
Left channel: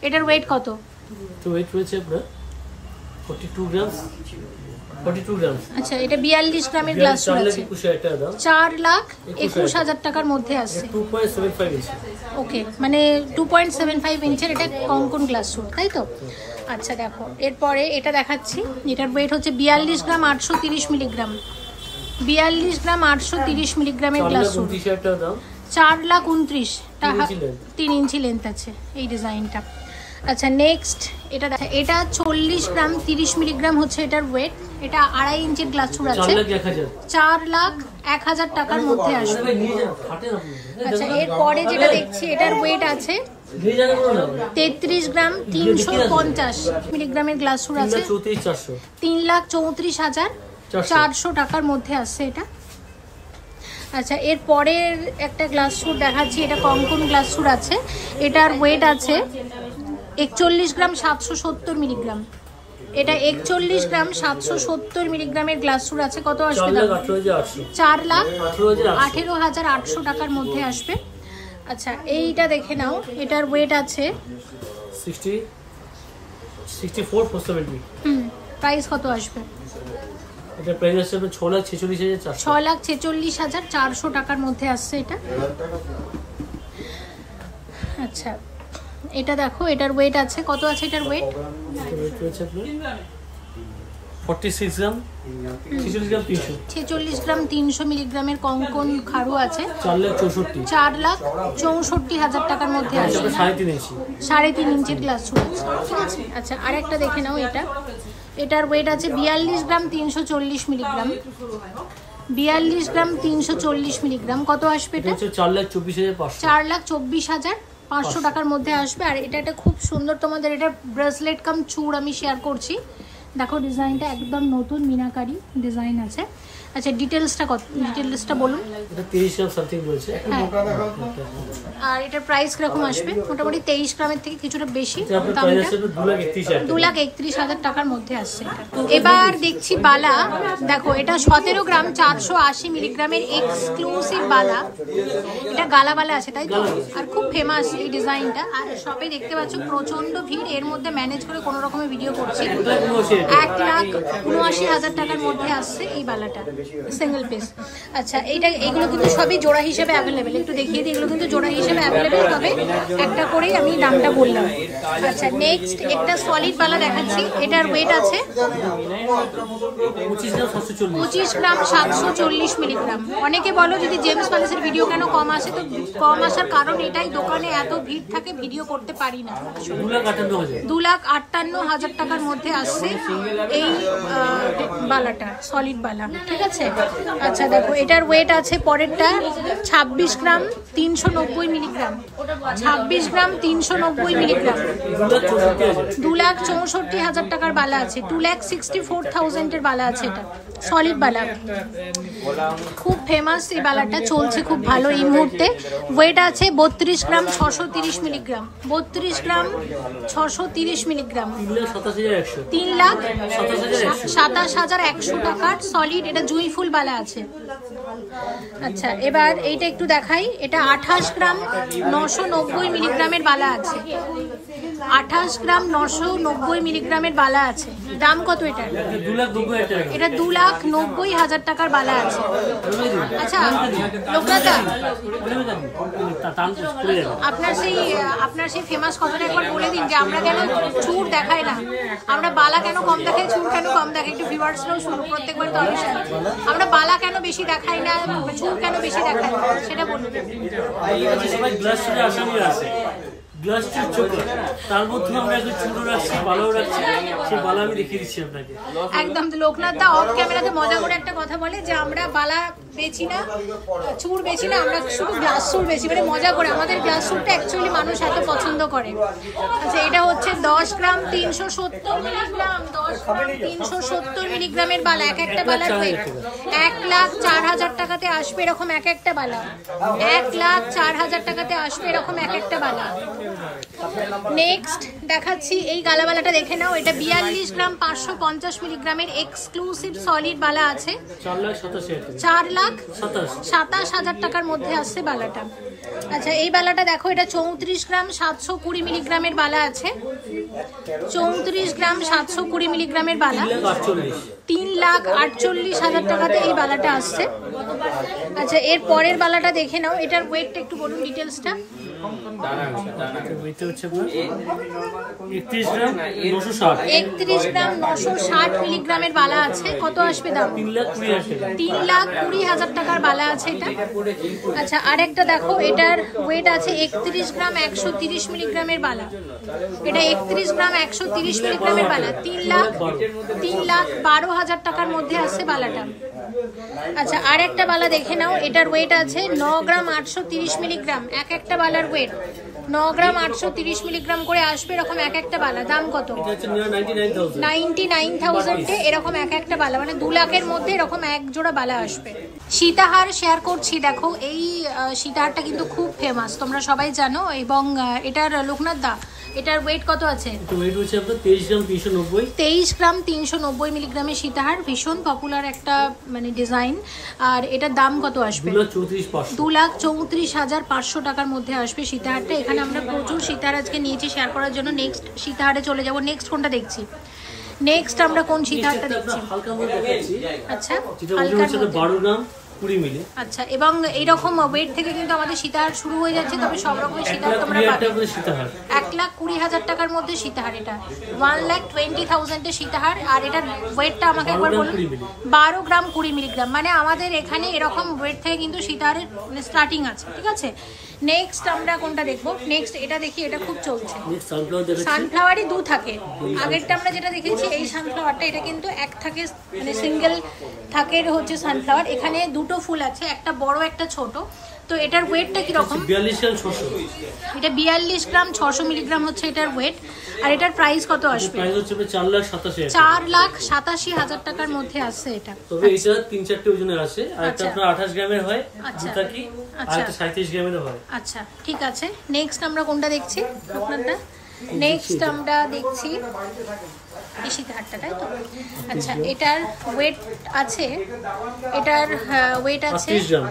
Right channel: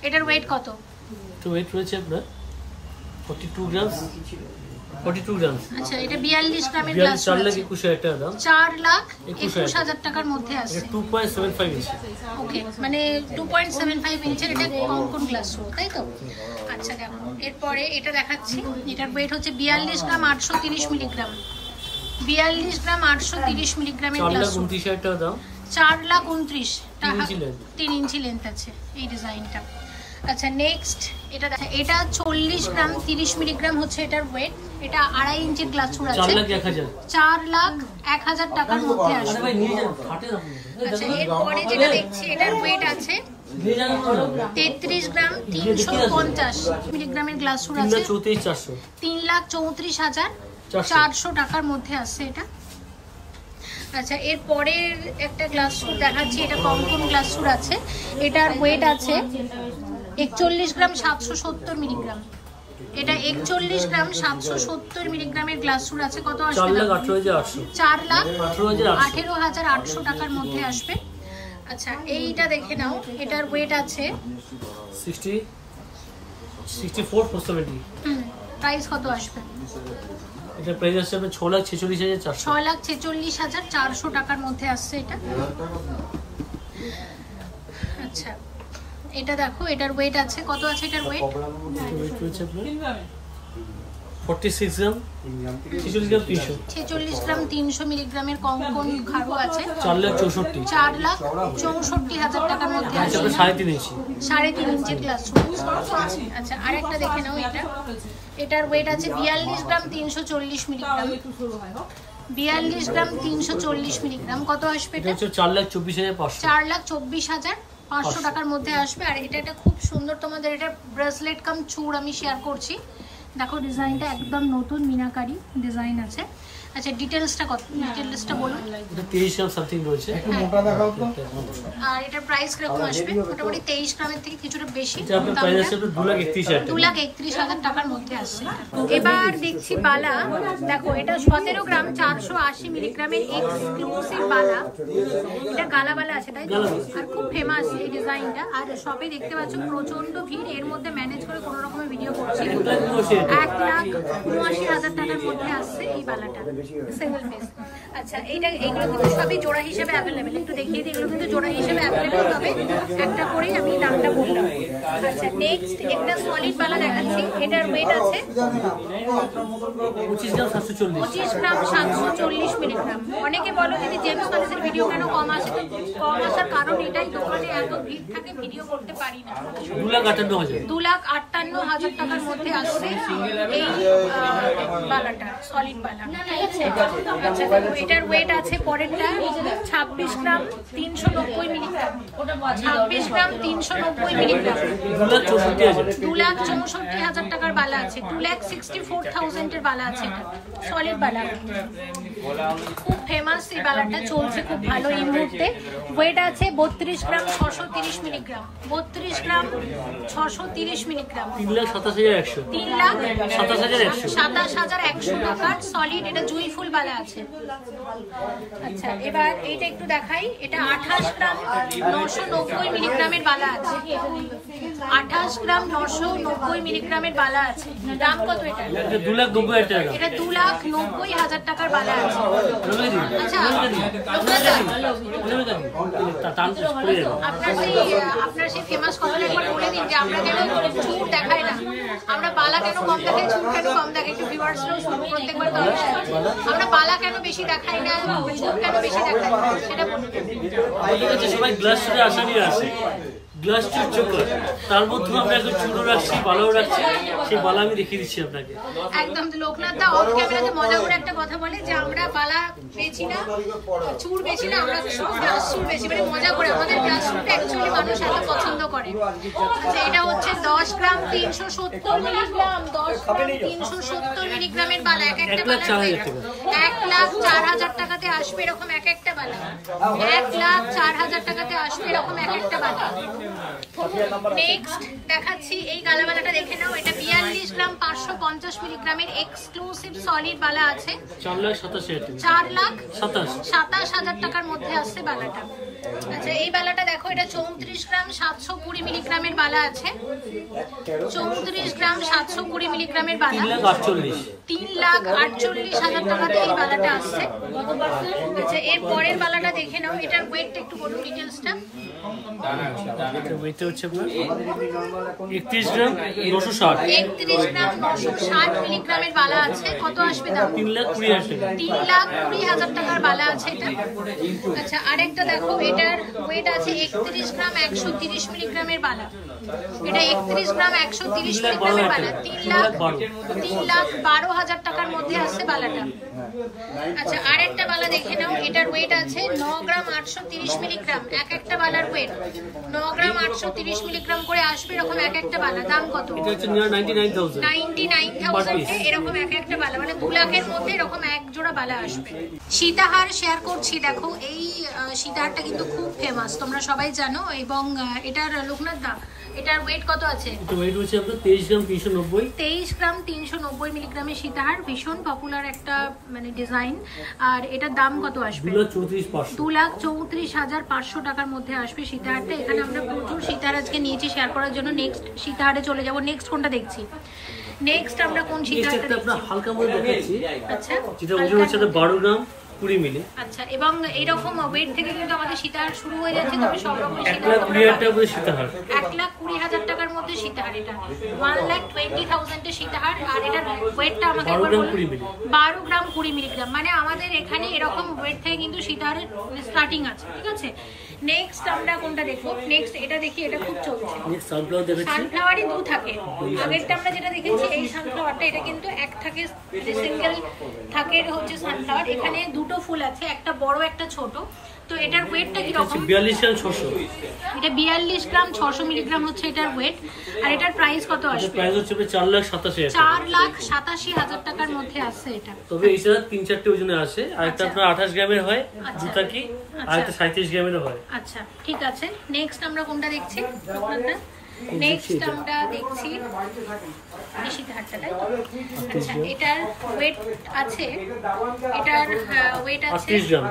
এটার ওয়েট কত? তো ওয়েট রয়েছে আপনার 42 গ্রাম 42 গ্রাম। আচ্ছা এটা 42 গ্রামের গ্লাস আছে, 4,21,000 টাকা দাম, 4,21,000 টাকার মধ্যে আছে। 2.75 ইঞ্চি। ওকে, মানে 2.75 ইঞ্চের এটা কঙ্কন গ্লাস, তাই তো? আচ্ছা দেখো, এরপরে এটা দেখাচ্ছি, এটার ওয়েট হচ্ছে 42 গ্রাম 830 মিলিগ্রাম। 42 গ্রাম 830 মিলিগ্রামের গ্লাস, 4,29,000 টাকা দাম, 4,29,000 টাকা, 3 ইঞ্চি লেন্থ আছে এই ডিজাইনটা। আচ্ছা নেক্সট এটা 40 গ্রাম 30 মিলিগ্রাম হচ্ছে এটার ওয়েট। এটা 2.5 ইঞ্চির গ্লাস আছে, 4,01,000 টাকার মধ্যে আসবে। আচ্ছা এরপরে যেটা দেখছি এটার ওয়েট আছে 33 গ্রাম 350 মিলিগ্রামের গ্লাস আছে, 3,34,400 টাকার মধ্যে আসছে এটা। আচ্ছা এরপরে একটা গ্লাস সুট দেখাচ্ছি, এটা কঙ্কন গ্লাস সুট আছে, এটার ওয়েট আছে 41 গ্রাম 770 মিলিগ্রাম। এটা 41 গ্রাম 770 মিলিগ্রামের গ্লাস সুট আছে। কত আসবে? 4,18,800 টাকার মধ্যে আসবে। আচ্ছা এইটা দেখে নাও, এটার ওয়েট আছে 64,470। প্রাইস কত আসবে? এটা প্রাইস আসছে 6,46,400। 6,46,400 টাকার মধ্যে আসছে এটা। আচ্ছা এটা দেখো, এটার ওয়েট আছে, কত আছে এটার ওয়েট? 46 গ্রাম 46 গ্রাম 300। 46 গ্রাম 300 মিলিগ্রামের কঙ্কন খাড়ু আছে, 4,64,000 টাকার মধ্যে আছে। 3.5 ইঞ্চি, 3.5 ইঞ্চি গ্লাস। আচ্ছা আরেকটা দেখে নাও, এটার ওয়েট আছে 42 গ্রাম 340 মিলিগ্রাম। 42 গ্রাম 340 মিলিগ্রাম। কত আসবে এটা? 4,24,500। 4,24,500 টাকার মধ্যে আসবে। আর এটা একটা খুব সুন্দর, তোমাদের এটা ব্রেসলেট কাম চূড় আমি শেয়ার করছি। দেখো ডিজাইনটা একদম নতুন মিনাকারি ডিজাইন আছে। আচ্ছা ডিটেলসটা বলুন। এটা 23 গ্রাম সামথিং বলছে। আর এটার প্রাইস কিরকম আসবে? মোটামুটি 23 গ্রামের থেকে কিছুটা বেশি, 2,31,000 টাকার মধ্যে আসছে। এবার দেখছি বালা, দেখো এটা 17 গ্রাম 480 মিলিগ্রামের এক্সক্লুসিভ বালা। এটা গালা বালা আছে, তাই তো? আর খুব ফেমাস এই ডিজাইনটা। আর সবাই দেখতে পাচ্ছ প্রচন্ড ভিড়, এর মধ্যে ম্যানেজ করে কোনো রকমের ভিডিও করছি। 1,79,000 টাকার মধ্যে আসছে এই বালাটা, সিঙ্গেল পিস। আচ্ছা এগুলো কিন্তু সবই জোড়া হিসেবে অ্যাভেলেবেল। একটু দেখিয়ে দিই, এগুলো কিন্তু জোড়া হিসেবে অ্যাভেলেবেল, তবে একটা করেই আমি দামটা বললাম। আচ্ছা নেক্সট একটা সলিড বালা দেখাচ্ছি, এটার ওয়েট আছে 25 গ্রাম 740 মিলিগ্রাম। অনেকে বলো যদি জেমস প্যালেসের ভিডিও কেন কম আসে, তো কম আসার কারণ এটাই, দোকানে এত ভিড় থাকে ভিডিও করতে পারি না। 2,58,000 টাকার মধ্যে আসছে এই বালাটা, সলিড বালা, ঠিক আছে? আচ্ছা দেখো এটার ওয়েট আছে পরেরটা 26 গ্রাম 390 মিলিগ্রাম। 26 গ্রাম 390 মিলিগ্রাম, 2,64,000 টাকার বালা আছে। 2,64,000 এর বালা আছে, এটা সলিড বালা, খুব ফেমাস এই বালাটা, চলছে খুব ভালো এই মুহূর্তে। ওয়েট আছে 32 গ্রাম 630 মিলিগ্রাম। 32 গ্রাম 630 মিলিগ্রাম, 3,27,100 টাকার সলিড, এটা জুই ফুল বালা আছে। আচ্ছা এবার এইটা একটু দেখাই, এটা 28 গ্রাম 990 মিলিগ্রামের বালা আছে। 28 গ্রাম 990 মিলিগ্রামের বালা আছে। দাম কত এটা? এটা 2,90,000 টাকার বালা আছে। আচ্ছা আপনার সেই ফেমাস কথাটা একবার বলে দিন যে আমরা কেন চুর দেখাই না, আমরা বালা কেন কম দেখাই, চুর কেন কম দেখাই, একটু ভিউয়ার্সরাও শুরু প্রত্যেকবার তো আমরা বালা কেন বেশি দেখাই না, চুর কেন বেশি দেখাই না, সেটা বলুন। সবাই গ্লাস চুরে আসামি আছে, গ্লাস চুর চোখা, তার মধ্যে আমরা এখন চুরও রাখছি, বালাও রাখছি, সেই বালা আমি দেখিয়ে দিচ্ছি আপনাকে। একদম লোকনাথ দা অফ ক্যামেরাতে মজা করে একটা কথা বলে যে আমরা বালা বেচি না, চুর বেচি না, আমরা শুধু গ্লাস চুর বেচি, মানে মজা করে। আমাদের গ্লাস চুরটা অ্যাকচুয়ালি মানুষ এত পছন্দ করে। আচ্ছা এটা হচ্ছে 10 গ্রাম 370 মিলিগ্রাম। 10 গ্রাম 370 মিলিগ্রামের বালা, এক একটা বালা 1,04,000 টাকাতে আসবে এরকম এক একটা বালা। 1,04,000 টাকাতে আসবে এরকম এক একটা বালা। নেক্সট দেখাচ্ছি এই গালাবালাটা, দেখে নাও। এটা 42 গ্রাম 550 মিলিগ্রামের এক্সক্লুসিভ সলিড বালা আছে। 4,27,000 টাকার মধ্যে আসছে বালাটা। আচ্ছা এই বালাটা দেখো, এটা 34 গ্রাম 720 মিলিগ্রামের বালা আছে। 34 গ্রাম 720 মিলিগ্রামের বালা, 3,48,000 টাকাতে এই বালাটা আসছে। আচ্ছা এর পরের বালাটা দেখে নাও, এটার ওয়েটটা একটু বলুন ডিটেলসটা। একত্রিশ গ্রাম 960 মিলিগ্রামের বালা আছে। কত আসবে দাম? 3,20,000 টাকার বালা আছে এটা। আচ্ছা আরেকটা দেখো, এটার ওয়েট আছে 31 গ্রাম 130 মিলিগ্রামের বালা। এটা 31 গ্রাম 130 মিলিগ্রামের বালা, 3,12,000 টাকার মধ্যে আসছে বালাটা। আচ্ছা আরেকটা বালা দেখে নাও, এটার ওয়েট আছে 9 গ্রাম 830 মিলিগ্রাম। এক একটা বালার ওয়েট 9 গ্রাম 830 মিলিগ্রাম করে আসবে এরকম এক একটা বালা। দাম কত? 99,000 এরকম এক একটা বালা, মানে 2 লাখের মধ্যে এরকম এক জোড়া বালা আসবে। সীতাহার শেয়ার করছি, দেখো এই সীতাহারটা কিন্তু খুব ফেমাস, তোমরা সবাই জানো। এবং এটার লোকনাথ দা, এটার ওয়েট কত আছে? ওয়েট হচ্ছে আপনার 23 গ্রাম 390। 23 গ্রাম 390 মিলিগ্রামের সীতাহার, ভীষণ পপুলার একটা মানে ডিজাইন। আর এটার দাম কত আসবে? 2,34,500 টাকার মধ্যে আসবে সীতাহারটা। এখানে আমরা প্রচুর সীতাহার আজকে নিয়েছি শেয়ার করার জন্য। নেক্সট সীতাহারে চলে যাব। নেক্সট কোনটা দেখছি? নেক্সট আমরা কোন সীতাহারটা দেখছি? হালকা মোড় দেখাচ্ছি। আচ্ছা যেটা ওজন হচ্ছে 12 গ্রাম 20 মিলি। আচ্ছা এবং এইরকম ওয়েট থেকে কিন্তু আমাদের সীতাহার শুরু হয়ে যাচ্ছে। তবে সব রকম সীতাহার তোমরা 1,20,000 টাকার মধ্যে সীতাহার। এটা 1,20,000 এর সীতাহার। আর এটার ওয়েটটা আমাকে একবার বলুন। 12 গ্রাম 20 মিলিগ্রাম, মানে আমাদের এখানে এরকম ওয়েট থেকে কিন্তু সীতাহারের স্টার্টিং আছে। ঠিক আছে, নেক্সট আমরা কোনটা দেখবো? নেক্সট এটা দেখি, এটা খুব চলছে। সানফ্লাওয়ারই 2 থাকে। আগেরটা আমরা যেটা দেখেছি এই সানফ্লাওয়ারটা, এটা কিন্তু এক থাকে, মানে সিঙ্গেল থাকে হচ্ছে সানফ্লাওয়ার। এখানে দুটো ফুল আছে, একটা বড় একটা ছোট। তো এটার ওয়েটটা কি রকম? 42 গ্রাম 600। এটা 42 গ্রাম 600 মিলিগ্রাম হচ্ছে এটার ওয়েট। আর এটার প্রাইস কত আসবে? প্রাইস হচ্ছে 4,87,000। 4,87,000 টাকার মধ্যে আসছে এটা। তবে এটা 3-4টে ওজনে আসে। আর এটা আপনার 28 গ্রামের হয়, দুটা কি, আর এটা 37 গ্রামের হয়। আচ্ছা ঠিক আছে, নেক্সট আমরা কোনটা দেখছি? আপনারটা নেক্সট আমরা দেখছি এই সীতাহারটা, তাই তো? আচ্ছা এটার ওয়েট আছে, এটার ওয়েট আছে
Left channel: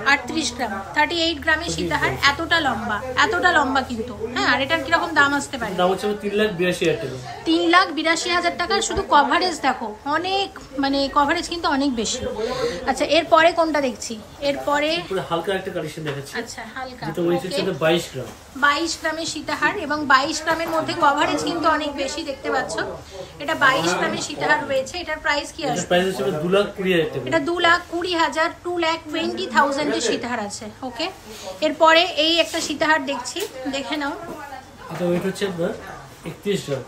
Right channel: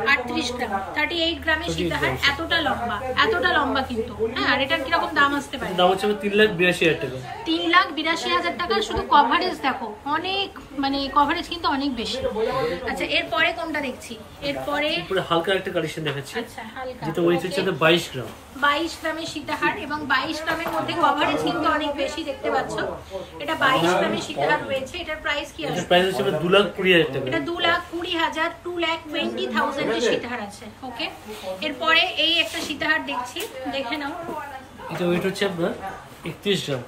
38 গ্রাম 38 গ্রামের সীতাহার। এতটা লম্বা কিন্তু। হ্যাঁ, আর এটার কিরকম দাম আসতে পারে? দাম হচ্ছে 3,82,000 টাকা। 3,82,000 টাকা। শুধু কভারেজ দেখো, অনেক মানে কভারেজ কিন্তু অনেক বেশি। আচ্ছা এরপরে কোনটা দেখছি? এরপরে হালকা একটা কালেকশন দেখাচ্ছি। আচ্ছা হালকা, যেটা ওয়েট হচ্ছে 22 গ্রাম। 22 গ্রামের সীতাহার এবং 22 গ্রামের মধ্যে কভারেজ কিন্তু অনেক বেশি, দেখতে পাচ্ছ। এটা 22 গ্রামের সীতাহার রয়েছে। এটার প্রাইস কি আছে? প্রাইস হচ্ছে 2,20,000 টাকা। এটা 2,20,000 2,20,000 এর সীতাহার আছে। ওকে, এরপরে এই একটা সীতাহার দেখছি, দেখে নাও। এটা ওয়েট হচ্ছে আপনার 31 গ্রাম।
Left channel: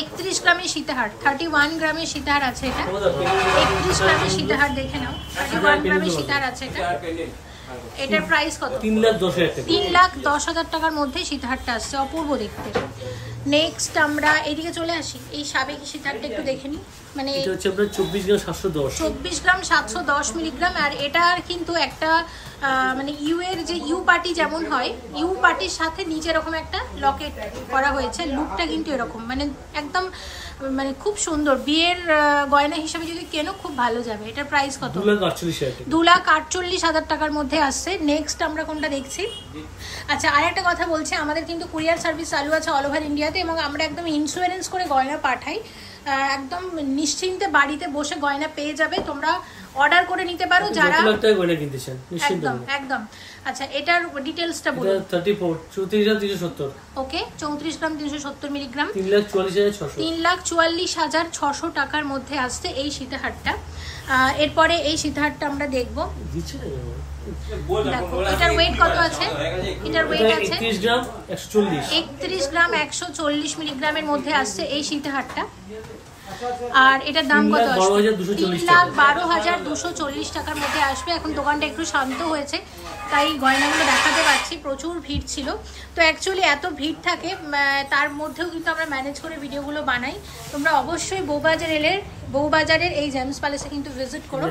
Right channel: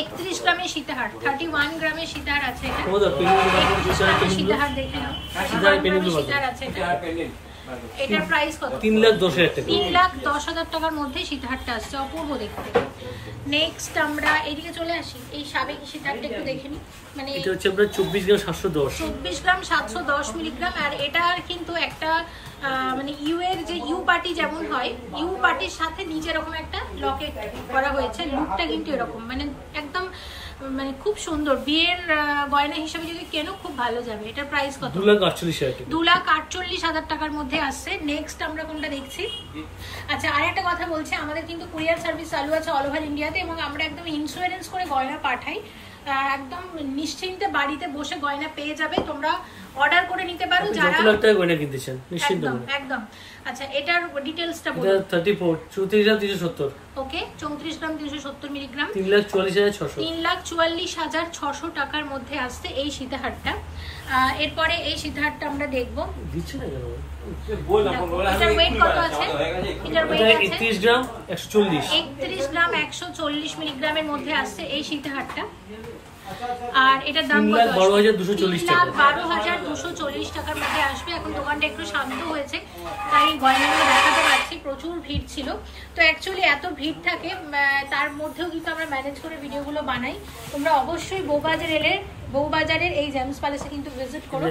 31 গ্রামের সীতাহার, 31 গ্রামের সীতাহার আছে এটা। 31 গ্রামের সীতাহার দেখে নাও, 31 গ্রামের সীতাহার আছে এটা। এটার প্রাইস কত? 3,10,000 টাকা। 3,10,000 টাকার মধ্যে সীতাহারটা আসছে, অপূর্ব দেখতে। নেক্সট আমরা এইদিকে চলে আসি, এই সাবেকি সীতাহারটা একটু দেখে নিই। মানে এটা হচ্ছে আপনার 24 গ্রাম 710। 24 গ্রাম 710 মিলিগ্রাম। আর এটার কিন্তু একটা মানে ইউ এর যে ইউ পার্টি যেমন হয়, ইউ পার্টির সাথে নিচে এরকম একটা লকেট করা হয়েছে। লুকটা কিন্তু এরকম, মানে একদম মানে খুব সুন্দর। বিয়ের গয়না হিসেবে যদি কেনো খুব ভালো যাবে। এটার প্রাইস কত? 2,48,000 টাকার মধ্যে আসছে। নেক্সট আমরা কোনটা দেখছি? আচ্ছা আরেকটা কথা বলছি, আমাদের কিন্তু কুরিয়ার সার্ভিস চালু আছে অল ওভার ইন্ডিয়াতে এবং আমরা একদম ইন্স্যুরেন্স করে গয়না পাঠাই। একদম নিশ্চিন্তে বাড়িতে বসে গয়না পেয়ে যাবে। তোমরা অর্ডার করে নিতে পারো যারা গয়না কিনতে চান, নিশ্চিন্তে। একদম। আচ্ছা এটার ডিটেইলসটা বলুন। 34 গ্রাম 370। ওকে, 34 গ্রাম 370 মিলিগ্রাম। 3,44,600। 3,44,600 টাকার মধ্যে আসছে এই সীতাহারটা। এরপরে এই সীতাহারটা আমরা দেখবো। এটার ওয়েট কত আছে? এটার ওয়েট আছে 31 গ্রাম 140। 31 গ্রাম 140 মিলিগ্রামের মধ্যে আসছে এই সীতাহারটা। আর এটার দাম কত? 3,12,240 টাকার মধ্যে আসবে। এখন দোকানটা একটু শান্ত হয়েছে তাই গয়নাগুলো দেখাতে পারছি, প্রচুর ভিড় ছিল। তো অ্যাকচুয়ালি এত ভিড় থাকে, তার মধ্যেও কিন্তু আমরা ম্যানেজ করে ভিডিওগুলো বানাই। তোমরা অবশ্যই বউবাজারের এই জেমস প্যালেসে কিন্তু ভিজিট করো।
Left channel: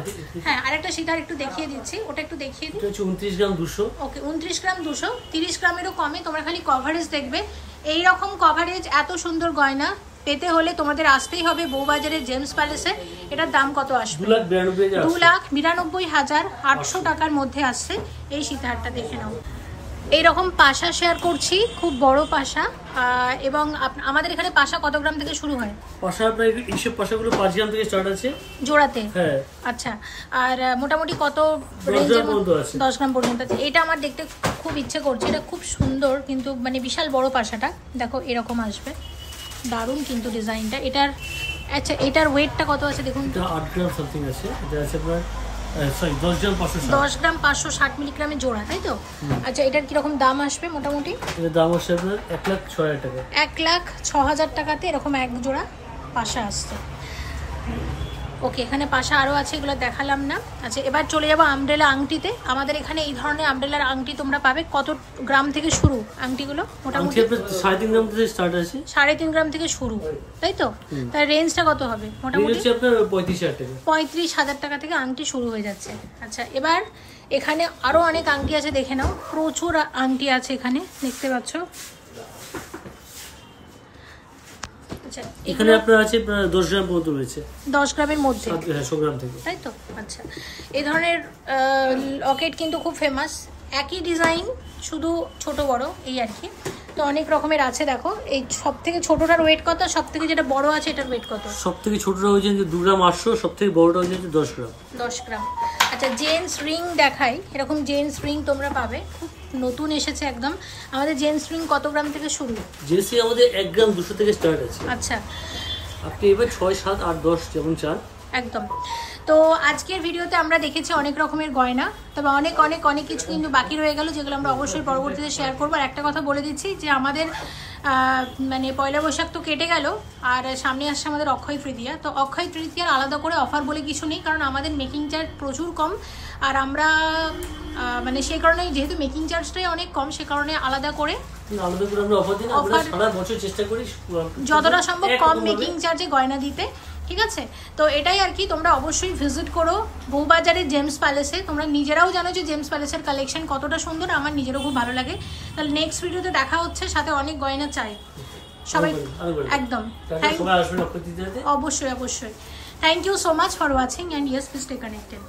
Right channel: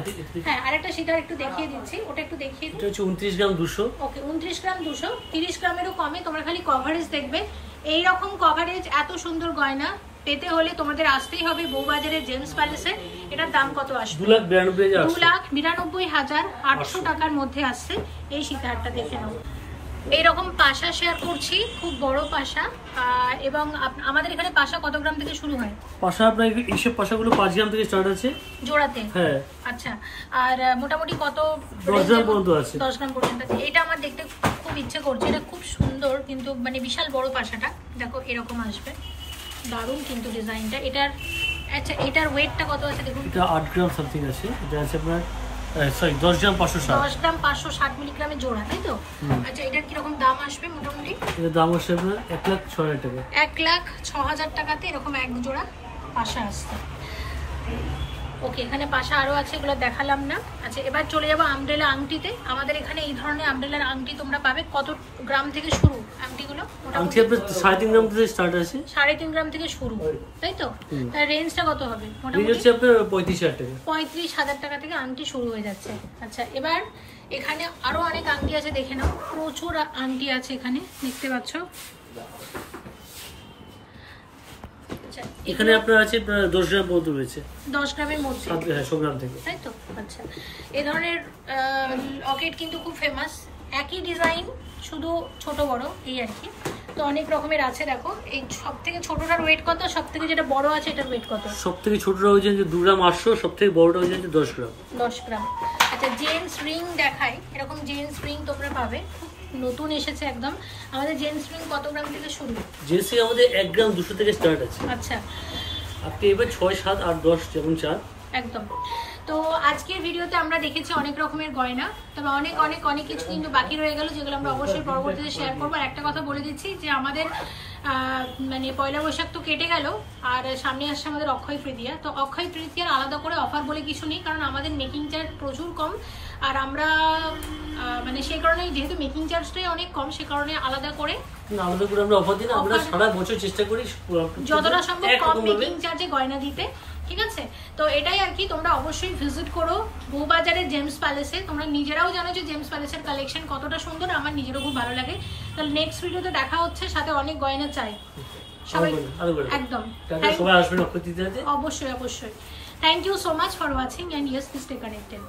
হ্যাঁ, আরেকটা সীতাহার একটু দেখিয়ে দিচ্ছি, ওটা একটু দেখিয়ে দিই। 29 গ্রাম 200। ওকে, 29 গ্রাম 200, 30 গ্রামেরও কমে। তোমরা খালি কভারেজ দেখবে, এইরকম কভারেজ এত সুন্দর গয়না পেতে হলে তোমাদের আসতেই হবে বউবাজারের জেমস প্যালেসে। এটার দাম কত আসবে? 2,92,800 টাকার মধ্যে আসছে এই সীতাহারটা। দেখে নাও, এইরকম পাশা শেয়ার করছি, খুব বড় পাশা। এবং আমাদের এখানে পাশা কত গ্রাম থেকে শুরু হয়? পাশা আপনার এইসব পাশাগুলো 5 গ্রাম থেকে স্টার্ট আছে জোড়াতে। হ্যাঁ আচ্ছা, আর মোটামুটি কত 10 গ্রাম পর্যন্ত আছে? 10 গ্রাম পর্যন্ত আছে। এটা আমার দেখতে খুব ইচ্ছে করছে, এটা খুব সুন্দর কিন্তু মানে বিশাল বড় পাশাটা। দেখো এরকম আসবে, দারুণ কিন্তু ডিজাইনটা এটার। আচ্ছা, এটার ওয়েটটা কত আছে দেখুন? এটা 8 গ্রাম সামথিং আছে। এটা আছে আপনার সরি 10 গ্রাম 560। 10 গ্রাম 560 মিলিগ্রামের জোড়া, তাই তো? আচ্ছা, এটার কিরকম দাম আসবে মোটামুটি? এর দাম আসছে আপনার 1,06,000 টাকা। 1,06,000 টাকাতে এরকম এক জোড়া পাশা আসছে। ওকে, এখানে পাশা আরো আছে, এগুলো দেখালাম না। আচ্ছা, এবার চলে যাবো আমব্রেলা আংটিতে। আমাদের এখানে এই ধরনের আমব্রেলার আংটি তোমরা পাবে। কত গ্রাম থেকে শুরু আংটিগুলো? মোটামুটি 3.5 গ্রাম থেকে স্টার্ট আছে। 3.5 গ্রাম থেকে শুরু, তাই তো? তার রেঞ্জটা কত হবে মোটামুটি? আপনার 35,000 টাকা। 35,000 টাকা থেকে আংটি শুরু হয়ে যাচ্ছে। আচ্ছা, এবার এখানে আরো অনেক আংটি আছে, দেখে নাও। প্রচুর আংটি আছে এখানে, দেখতে পাচ্ছ। এখানে আপনার আছে 10 গ্রাম পর্যন্ত রয়েছে। 10 গ্রামের মধ্যে? হ্যাঁ, 100 গ্রাম থেকে, তাই তো? আচ্ছা, এই ধরনের লকেট কিন্তু খুব ফেমাস। একই ডিজাইন, শুধু ছোট বড় এই আর কি। তো অনেক রকমের আছে। দেখো, এই সব থেকে ছোটটার ওয়েট কত? সব থেকে যেটা বড় আছে এটার ওয়েট কত? সব থেকে ছোটটা হচ্ছে 2 গ্রাম 800, সব থেকে বড়টা হচ্ছে 10 গ্রাম। 10 গ্রাম। আচ্ছা, জেন্টস রিং দেখাই। এরকম জেন্টস রিং তোমরা পাবে, খুব নতুন এসেছে একদম। আমাদের জেন্টস রিং কত গ্রাম থেকে শুরু? জেন্টস আমাদের 1 গ্রাম 200 থেকে স্টার্ট আছে। আচ্ছা, আপনি এবার 6, 7, 8, 10 যেমন চান একদম। তো আজকের ভিডিওতে আমরা দেখেছি অনেক রকমের গয়না, তবে অনেক অনেক অনেক কিছু কিন্তু বাকি রয়ে গেল, যেগুলো আমরা অবশ্যই পরবর্তীতে শেয়ার করবো। আর একটা কথা বলে দিচ্ছি যে আমাদের মানে পয়লা বৈশাখ তো কেটে গেল, আর সামনে আসছে আমাদের অক্ষয় তৃতীয়া। তো অক্ষয় তৃতীয়ার আলাদা করে অফার বলে কিছু নেই, কারণ আমাদের মেকিং চার্জ প্রচুর কম। আর আমরা মানে সেই কারণে, যেহেতু মেকিং চার্জটাই অনেক কম, সে কারণে আলাদা করে আমরা অফার দিই না। আমরা সারা বছর চেষ্টা করি যতটা সম্ভব কম মেকিং চার্জে গয়না দিতে, ঠিক আছে? তো এটাই আর কি। তোমরা অবশ্যই ভিজিট করো বউবাজারের জেমস প্যালেসে। তোমরা নিজেরাও জানো যে জেমস প্যালেসের কালেকশন কতটা সুন্দর, আমার নিজেরও খুব ভালো লাগে। তাহলে নেক্সট ভিডিওতে দেখা হচ্ছে, সাথে অনেক গয়না চাই সবাই, একদম। অবশ্যই অবশ্যই। Thank you so much for watching, and yes, please stay connected.